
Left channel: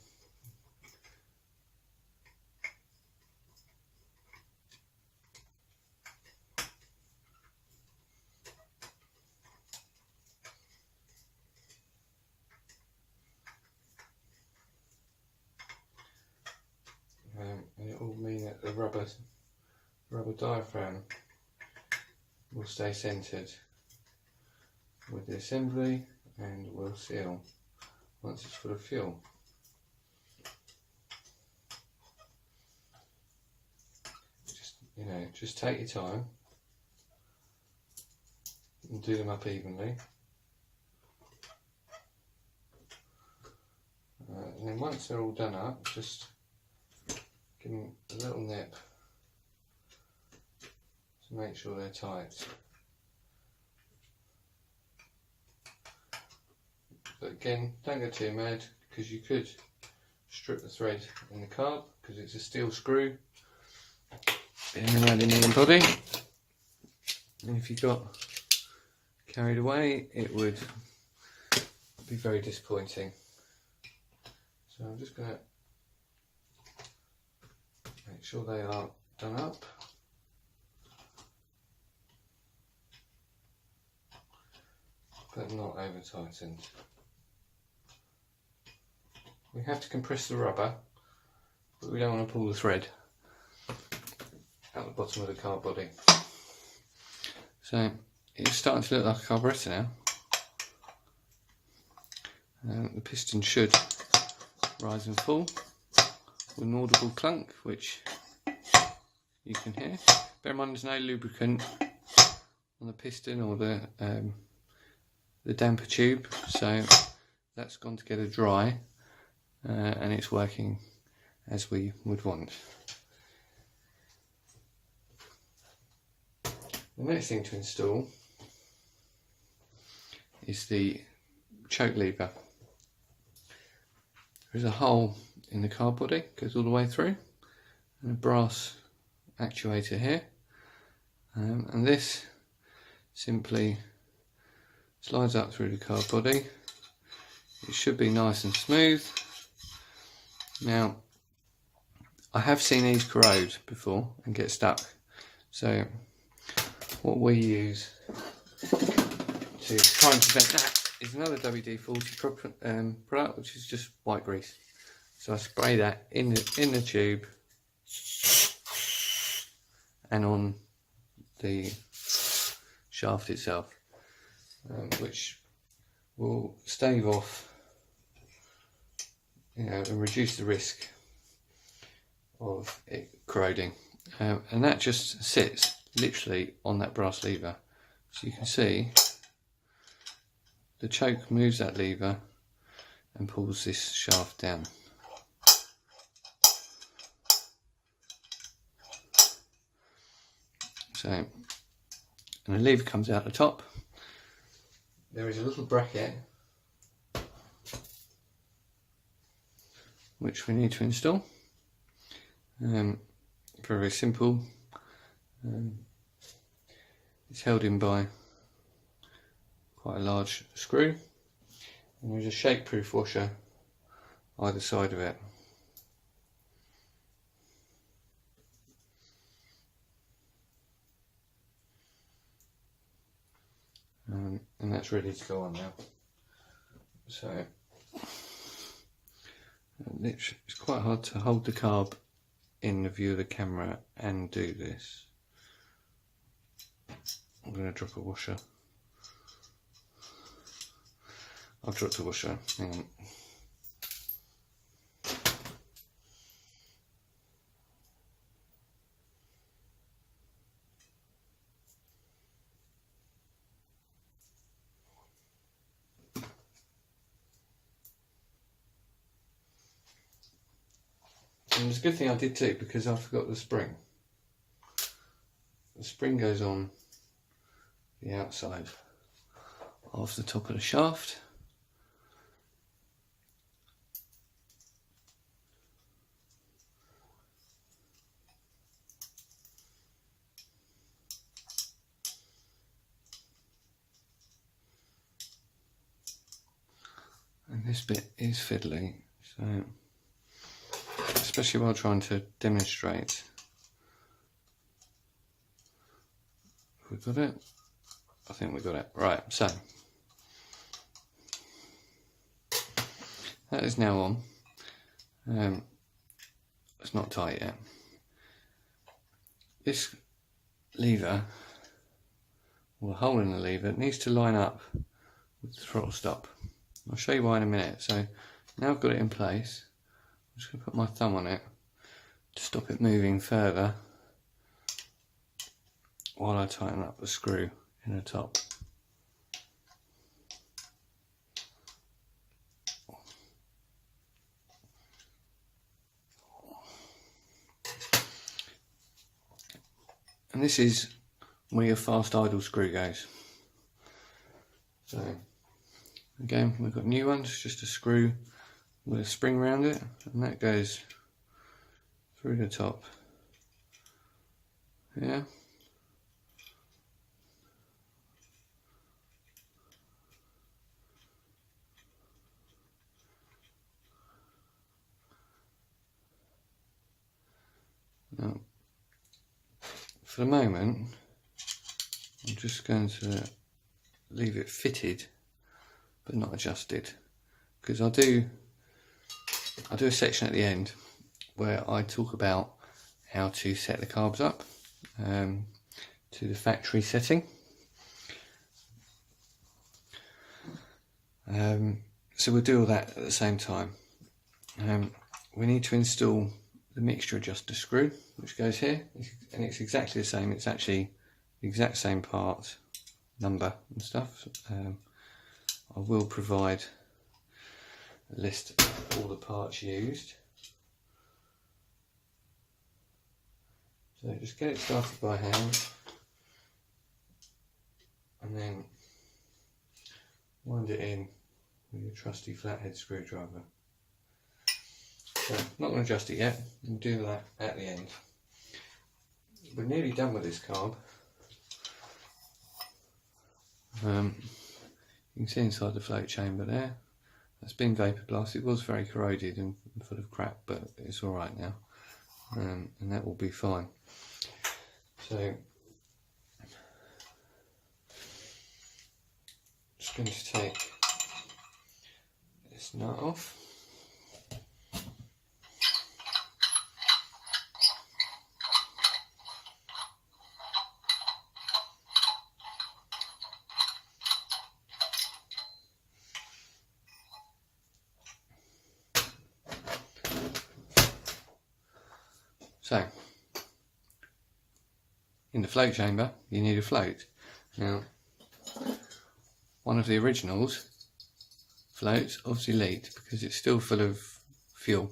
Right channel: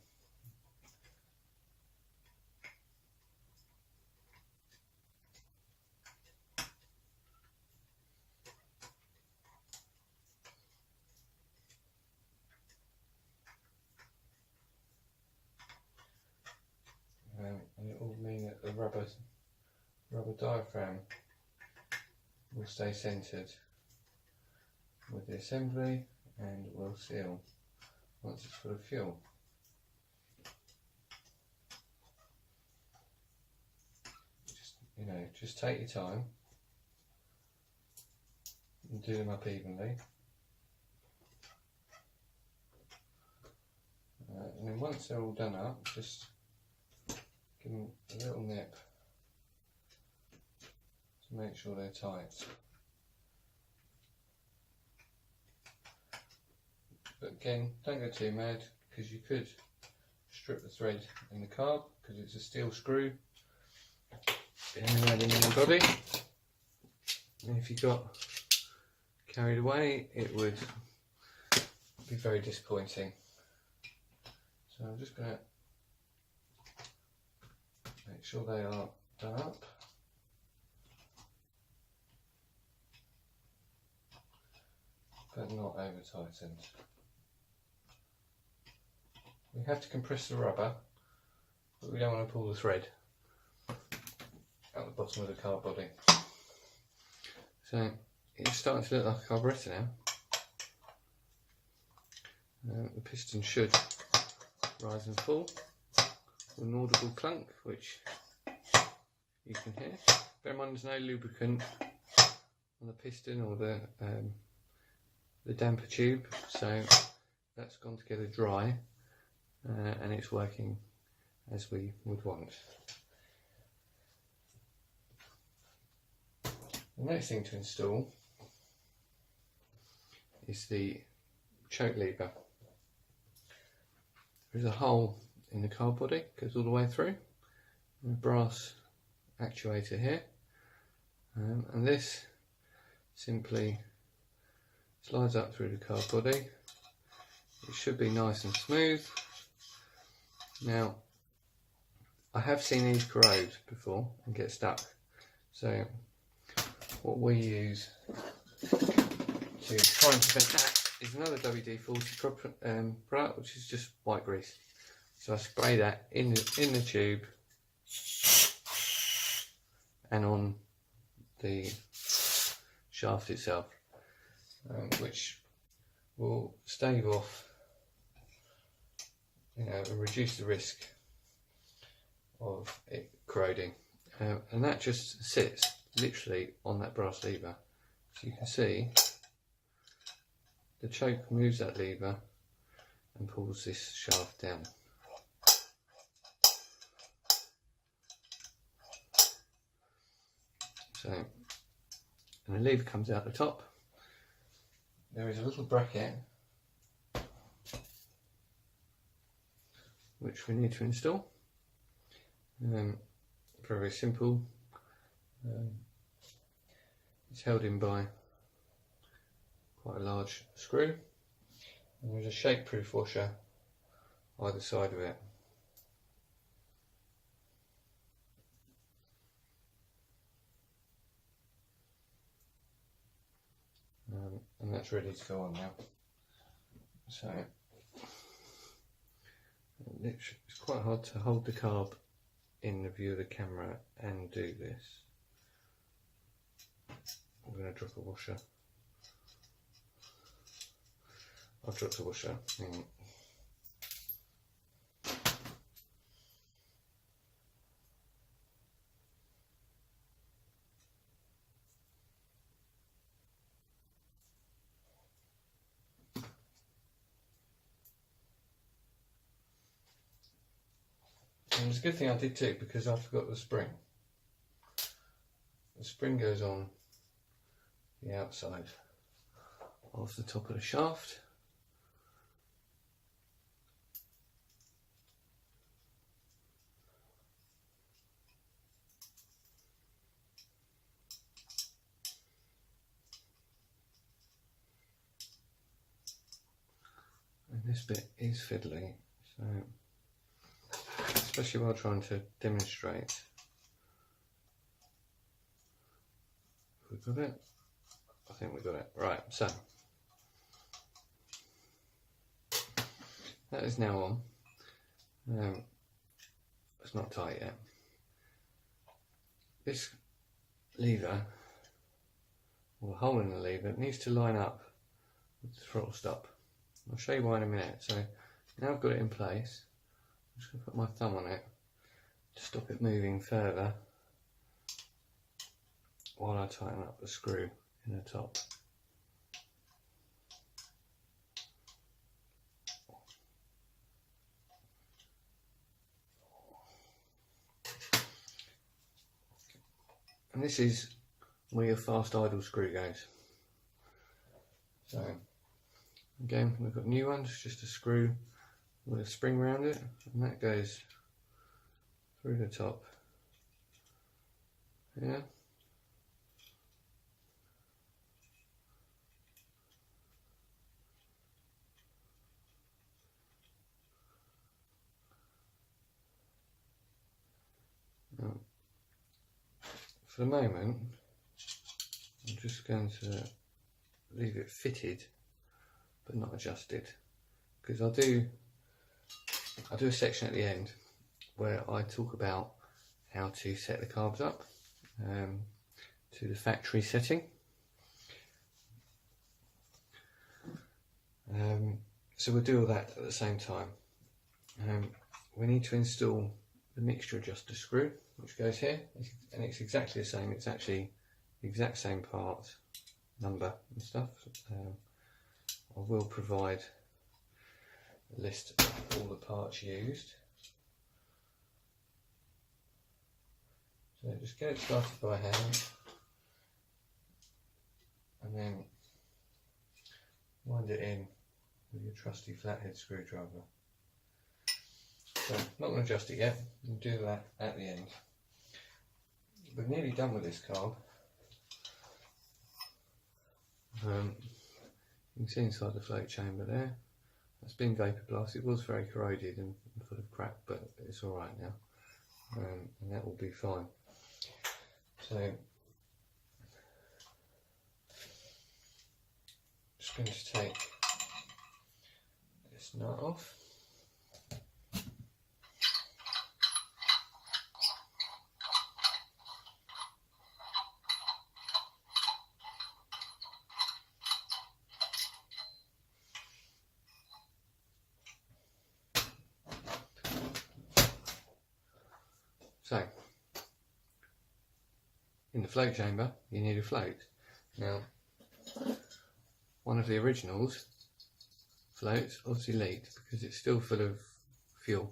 And it will mean that the rubber diaphragm will stay centered with the assembly and will seal once it's full of fuel. Just take your time and do them up evenly. And then once they're all done up, just give them a little nip to make sure they're tight. But again, don't go too mad, because you could strip the thread in the carb, because it's a steel screw in the aluminium body, and if you got carried away it would be very disappointing. So I'm just going to make sure they are done up. But not over tightened. We have to compress the rubber, but we don't want to pull the thread out the bottom of the carb body. So it's starting to look like a carburetor now. The piston should rise and fall with an audible clunk, which you can hear. Bear in mind there's no lubricant on the piston or the damper tube, so that's gone together dry, and it's working as we would want. The next thing to install is the choke lever. There's a hole in the carb body, goes all the way through, and a brass actuator here, and this simply slides up through the carb body. It should be nice and smooth. Now, I have seen these corrode before and get stuck, so what we use to try and prevent that is another WD-40 product, which is just white grease. So I spray that in the tube and on the shaft itself, which will stave off, and reduce the risk of it corroding. And that just sits literally on that brass lever. So you can see the choke moves that lever and pulls this shaft down. So, and the lever comes out the top. There is a little bracket which we need to install. Very simple. It's held in by quite a large screw, and there's a shake-proof washer either side of it. And that's ready to go on now. So it's quite hard to hold the carb in the view of the camera and do this. I'm going to drop a washer. I've dropped a washer. Hang on. And it's a good thing I did too, because I forgot the spring. The spring goes on the outside of the top of the shaft. this bit is fiddly, so especially while trying to demonstrate. We got it? I think we got it. Right, so that is now on. It's not tight yet. This lever, or the hole in the lever, it needs to line up with the throttle stop. I'll show you why in a minute. So now I've got it in place, I'm just going to put my thumb on it to stop it moving further while I tighten up the screw in the top. And this is where your fast idle screw goes. So again, we've got new ones, just a screw with a spring around it, and that goes through the top. Yeah. Now, for the moment, I'm just going to leave it fitted but not adjusted, because I'll do a section at the end where I talk about how to set the carbs up to the factory setting. So we'll do all that at the same time. We need to install the mixture adjuster screw, which goes here, and it's exactly the same. It's actually the exact same part, number and stuff. I will provide a list of all the parts used. So just get it started by hand, and then wind it in with your trusty flathead screwdriver. So I'm not going to adjust it yet, we'll do that at the end. We're nearly done with this carb. You can see inside the float chamber there, that's been vapor glass. It was very corroded and full of crap, but it's alright now, and that will be fine. So just going to take this nut off. So, in the float chamber, you need a float. Now, one of the originals floats obviously leaked because it's still full of fuel.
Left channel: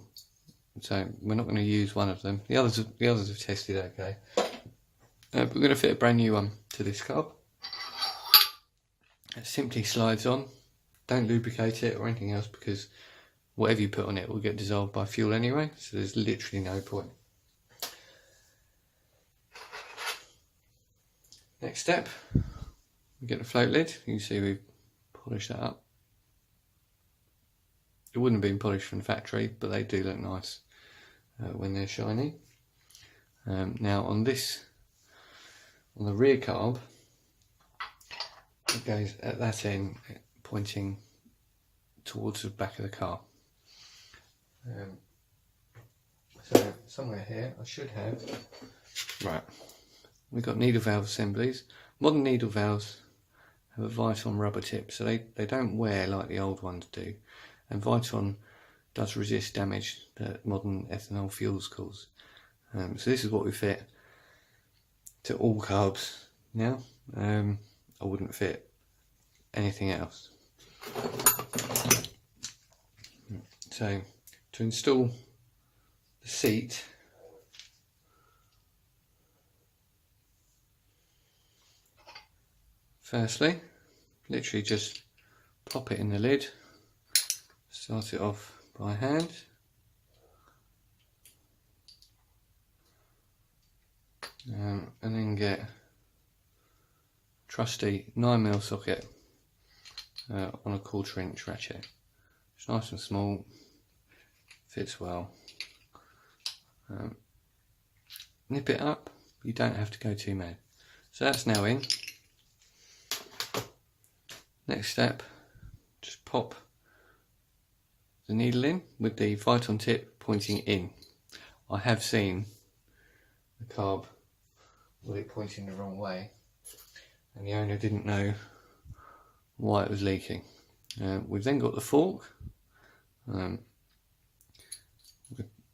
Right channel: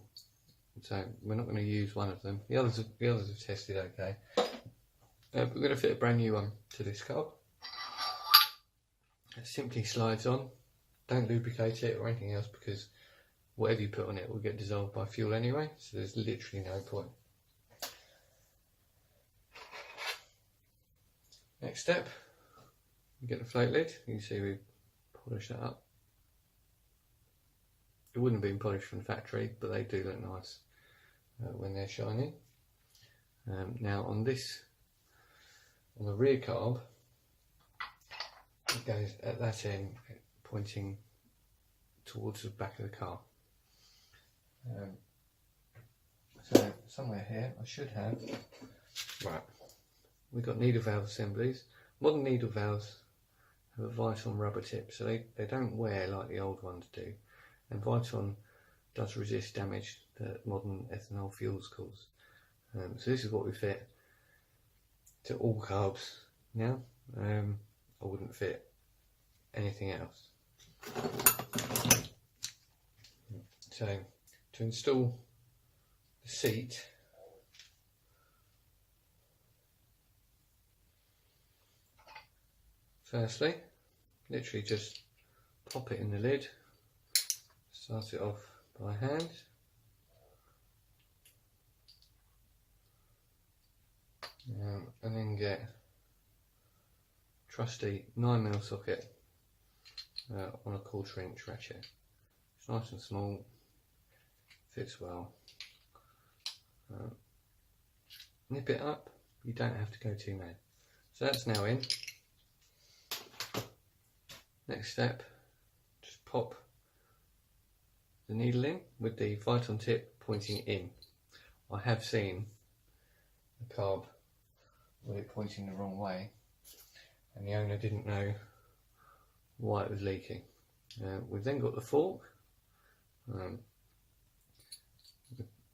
So we're not going to use one of them. The others have tested okay. But we're going to fit a brand new one to this carb. It simply slides on. Don't lubricate it or anything else, because whatever you put on it will get dissolved by fuel anyway. So there's literally no point. Next step, we get the float lid. You can see we've polished that up. It wouldn't have been polished from the factory, but they do look nice when they're shiny. Now on the rear carb, it goes at that end, pointing towards the back of the car. So somewhere here I should have, right, we've got needle valve assemblies. Modern needle valves have a Viton rubber tip, so they don't wear like the old ones do, and Viton does resist damage that modern ethanol fuels cause. So this is what we fit to all carbs now. I wouldn't fit anything else. So to install the seat, firstly, literally just pop it in the lid, start it off by hand, and then get a trusty 9mm socket on a 1/4 inch ratchet. It's nice and small, fits well. Nip it up, you don't have to go too mad. So that's now in. Next step, just pop the needle in with the Viton tip pointing in. I have seen the carb with it pointing the wrong way, and the owner didn't know why it was leaking. We've then got the fork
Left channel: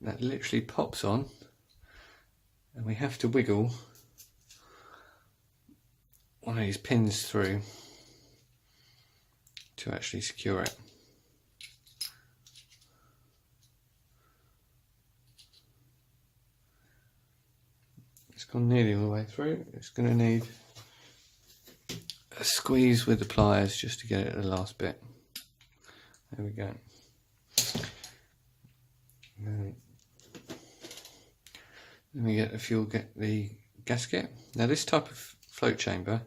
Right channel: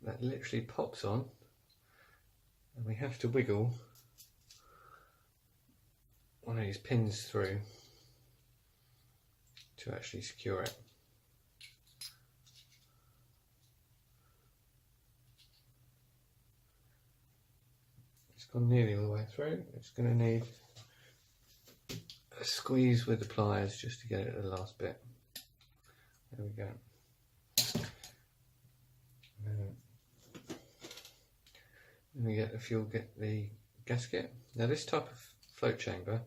that literally pops on, and we have to wiggle one of these pins through to actually secure it. It's gone nearly all the way through. It's going to need a squeeze with the pliers just to get it to the last bit. There we go. Then we get the gasket. Now this type of float chamber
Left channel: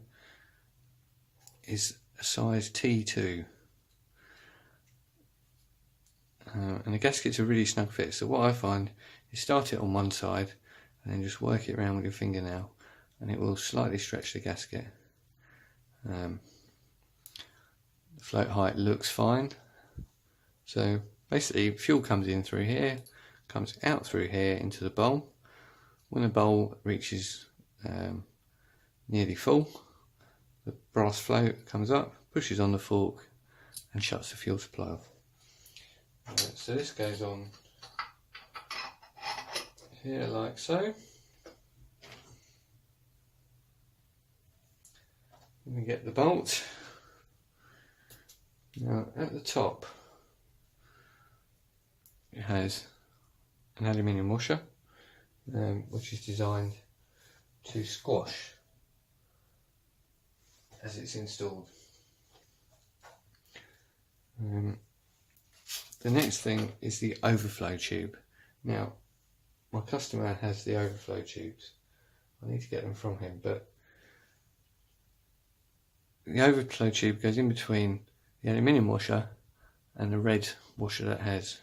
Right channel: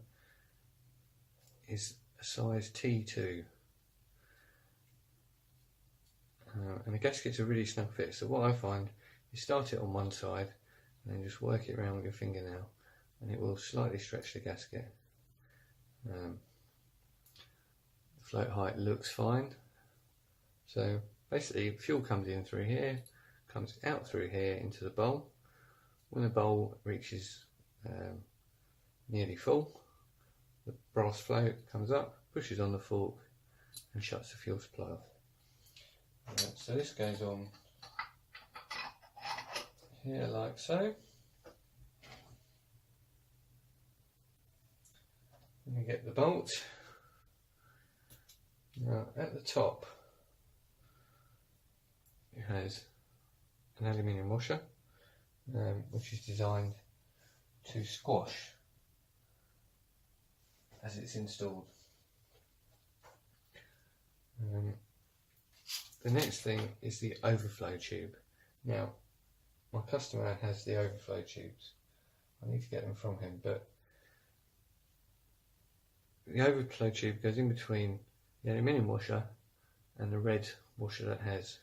is a size T2, and the gasket's a really snug fit. So what I find is start it on one side and then just work it around with your fingernail, and it will slightly stretch the gasket. The float height looks fine. So basically fuel comes in through here, comes out through here into the bowl. When the bowl reaches nearly full, the brass float comes up, pushes on the fork and shuts the fuel supply off. So this goes on here like so. Then we get the bolt. Now at the top it has an aluminium washer, which is designed to squash as it's installed. The next thing is the overflow tube. Now my customer has the overflow tubes. I need to get them from him, but the overflow tube goes in between the aluminium washer and the red washer that has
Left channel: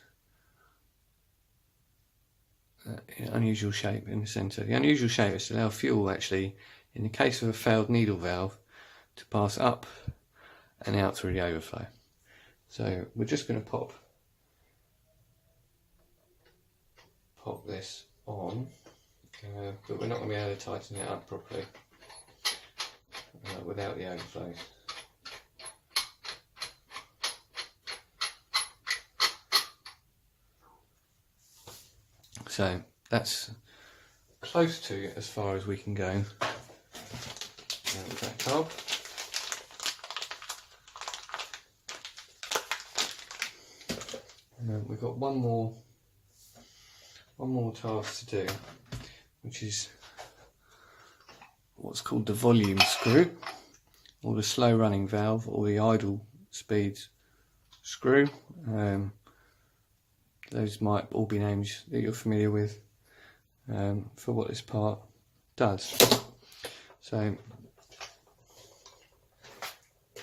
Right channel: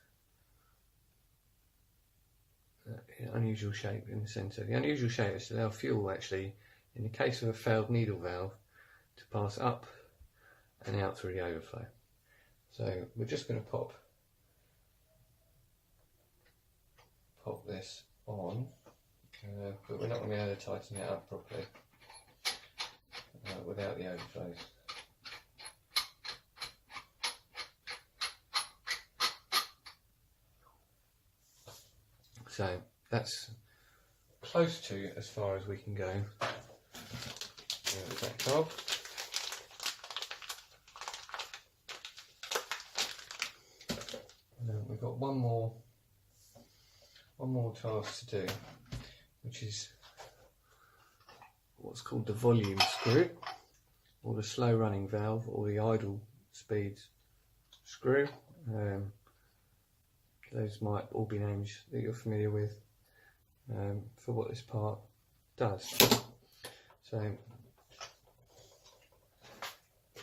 unusual shape in the centre. The unusual shape is to allow fuel, actually, in the case of a failed needle valve, to pass up and out through the overflow. So we're just going to pop this on, but we're not going to be able to tighten it up properly without the overflows. So that's close to as far as we can go with that carb. We've got one more task to do, which is what's called the volume screw, or the slow running valve, or the idle speed screw. Those might all be names that you're familiar with for what this part does. So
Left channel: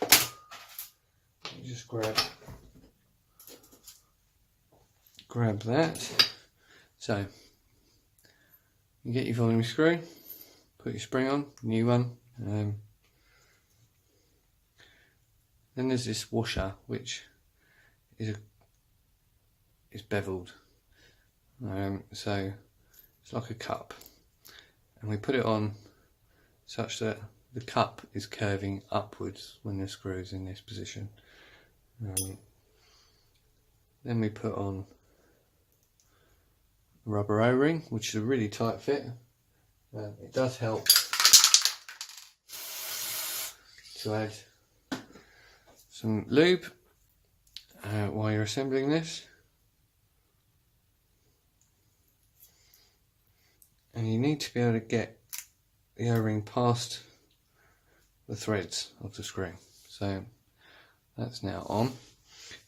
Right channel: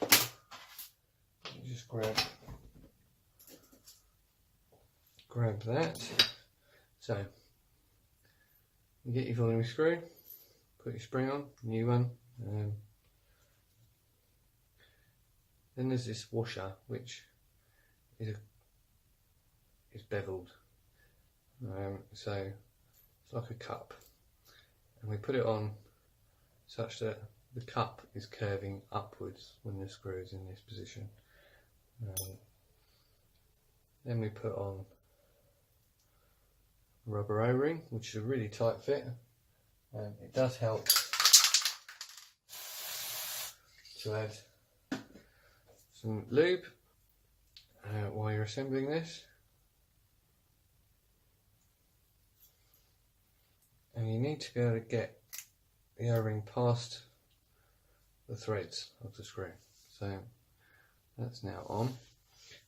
you just grab that. So you get your volume screw, put your spring on, new one. Then there's this washer, which is beveled, so it's like a cup, and we put it on such that the cup is curving upwards when the screw is in this position. Then we put on rubber O-ring, which is a really tight fit. It does help to add some lube while you're assembling this. And you need to be able to get the O-ring past the threads of the screw. So that's now on.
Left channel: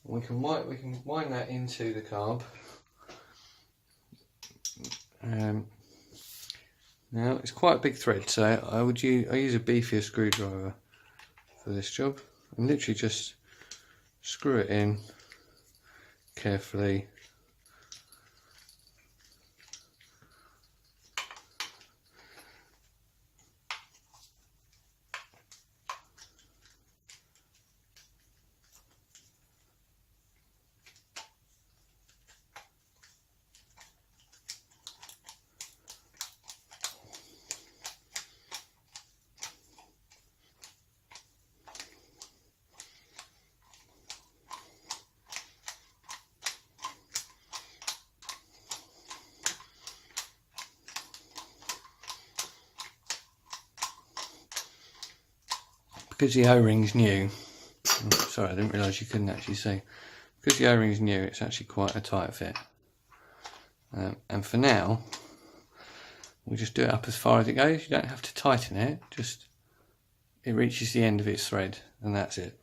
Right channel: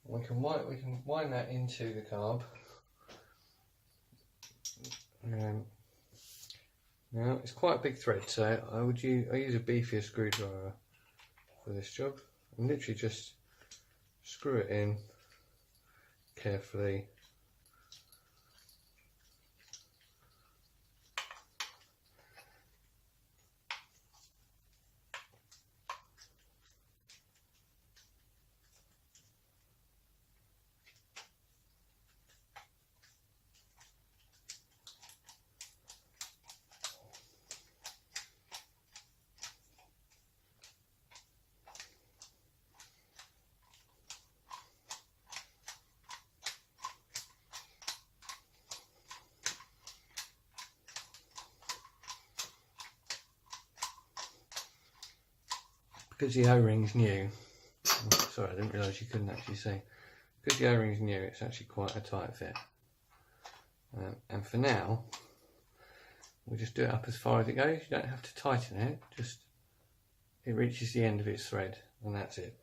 We can wind that into the carb. Now it's quite a big thread, so I use a beefier screwdriver for this job, and literally just screw it in carefully. Because the O-ring's new, sorry, I didn't realise you couldn't actually see. Because the O-ring's new, it's actually quite a tight fit. And for now, we'll just do it up as far as it goes. You don't have to tighten it, just it reaches the end of its thread, and that's it.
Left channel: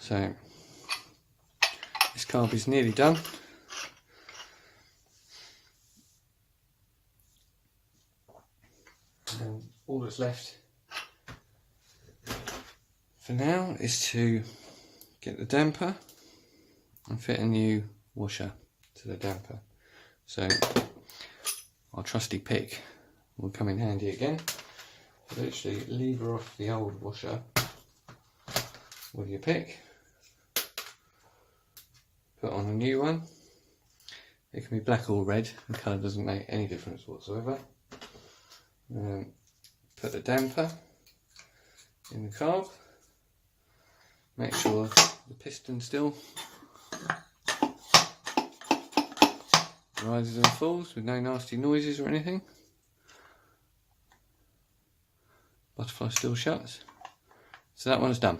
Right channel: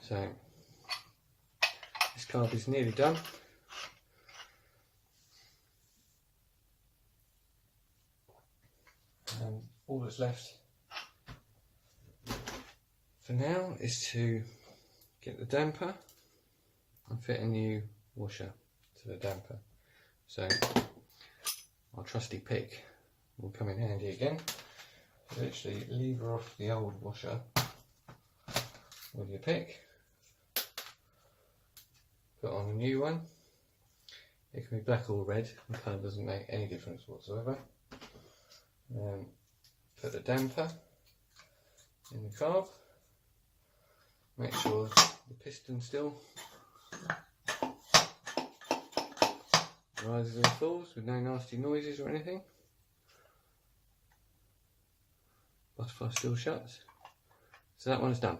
So this carb is nearly done. And all that's left for now is to get the damper and fit a new washer to the damper. So our trusty pick will come in handy again. Literally lever off the old washer with your pick, put on a new one. It can be black or red, the colour doesn't make any difference whatsoever. Put the damper in the carb. Make sure the piston still rises and falls with no nasty noises or anything. Butterfly still shuts. So that one's done.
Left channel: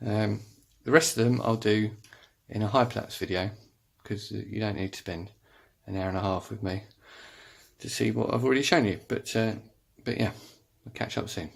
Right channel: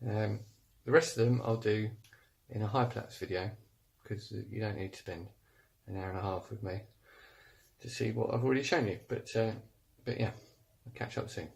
The rest of them I'll do in a Hyperlapse video, because you don't need to spend an hour and a half with me to see what I've already shown you. But yeah, I'll catch up soon.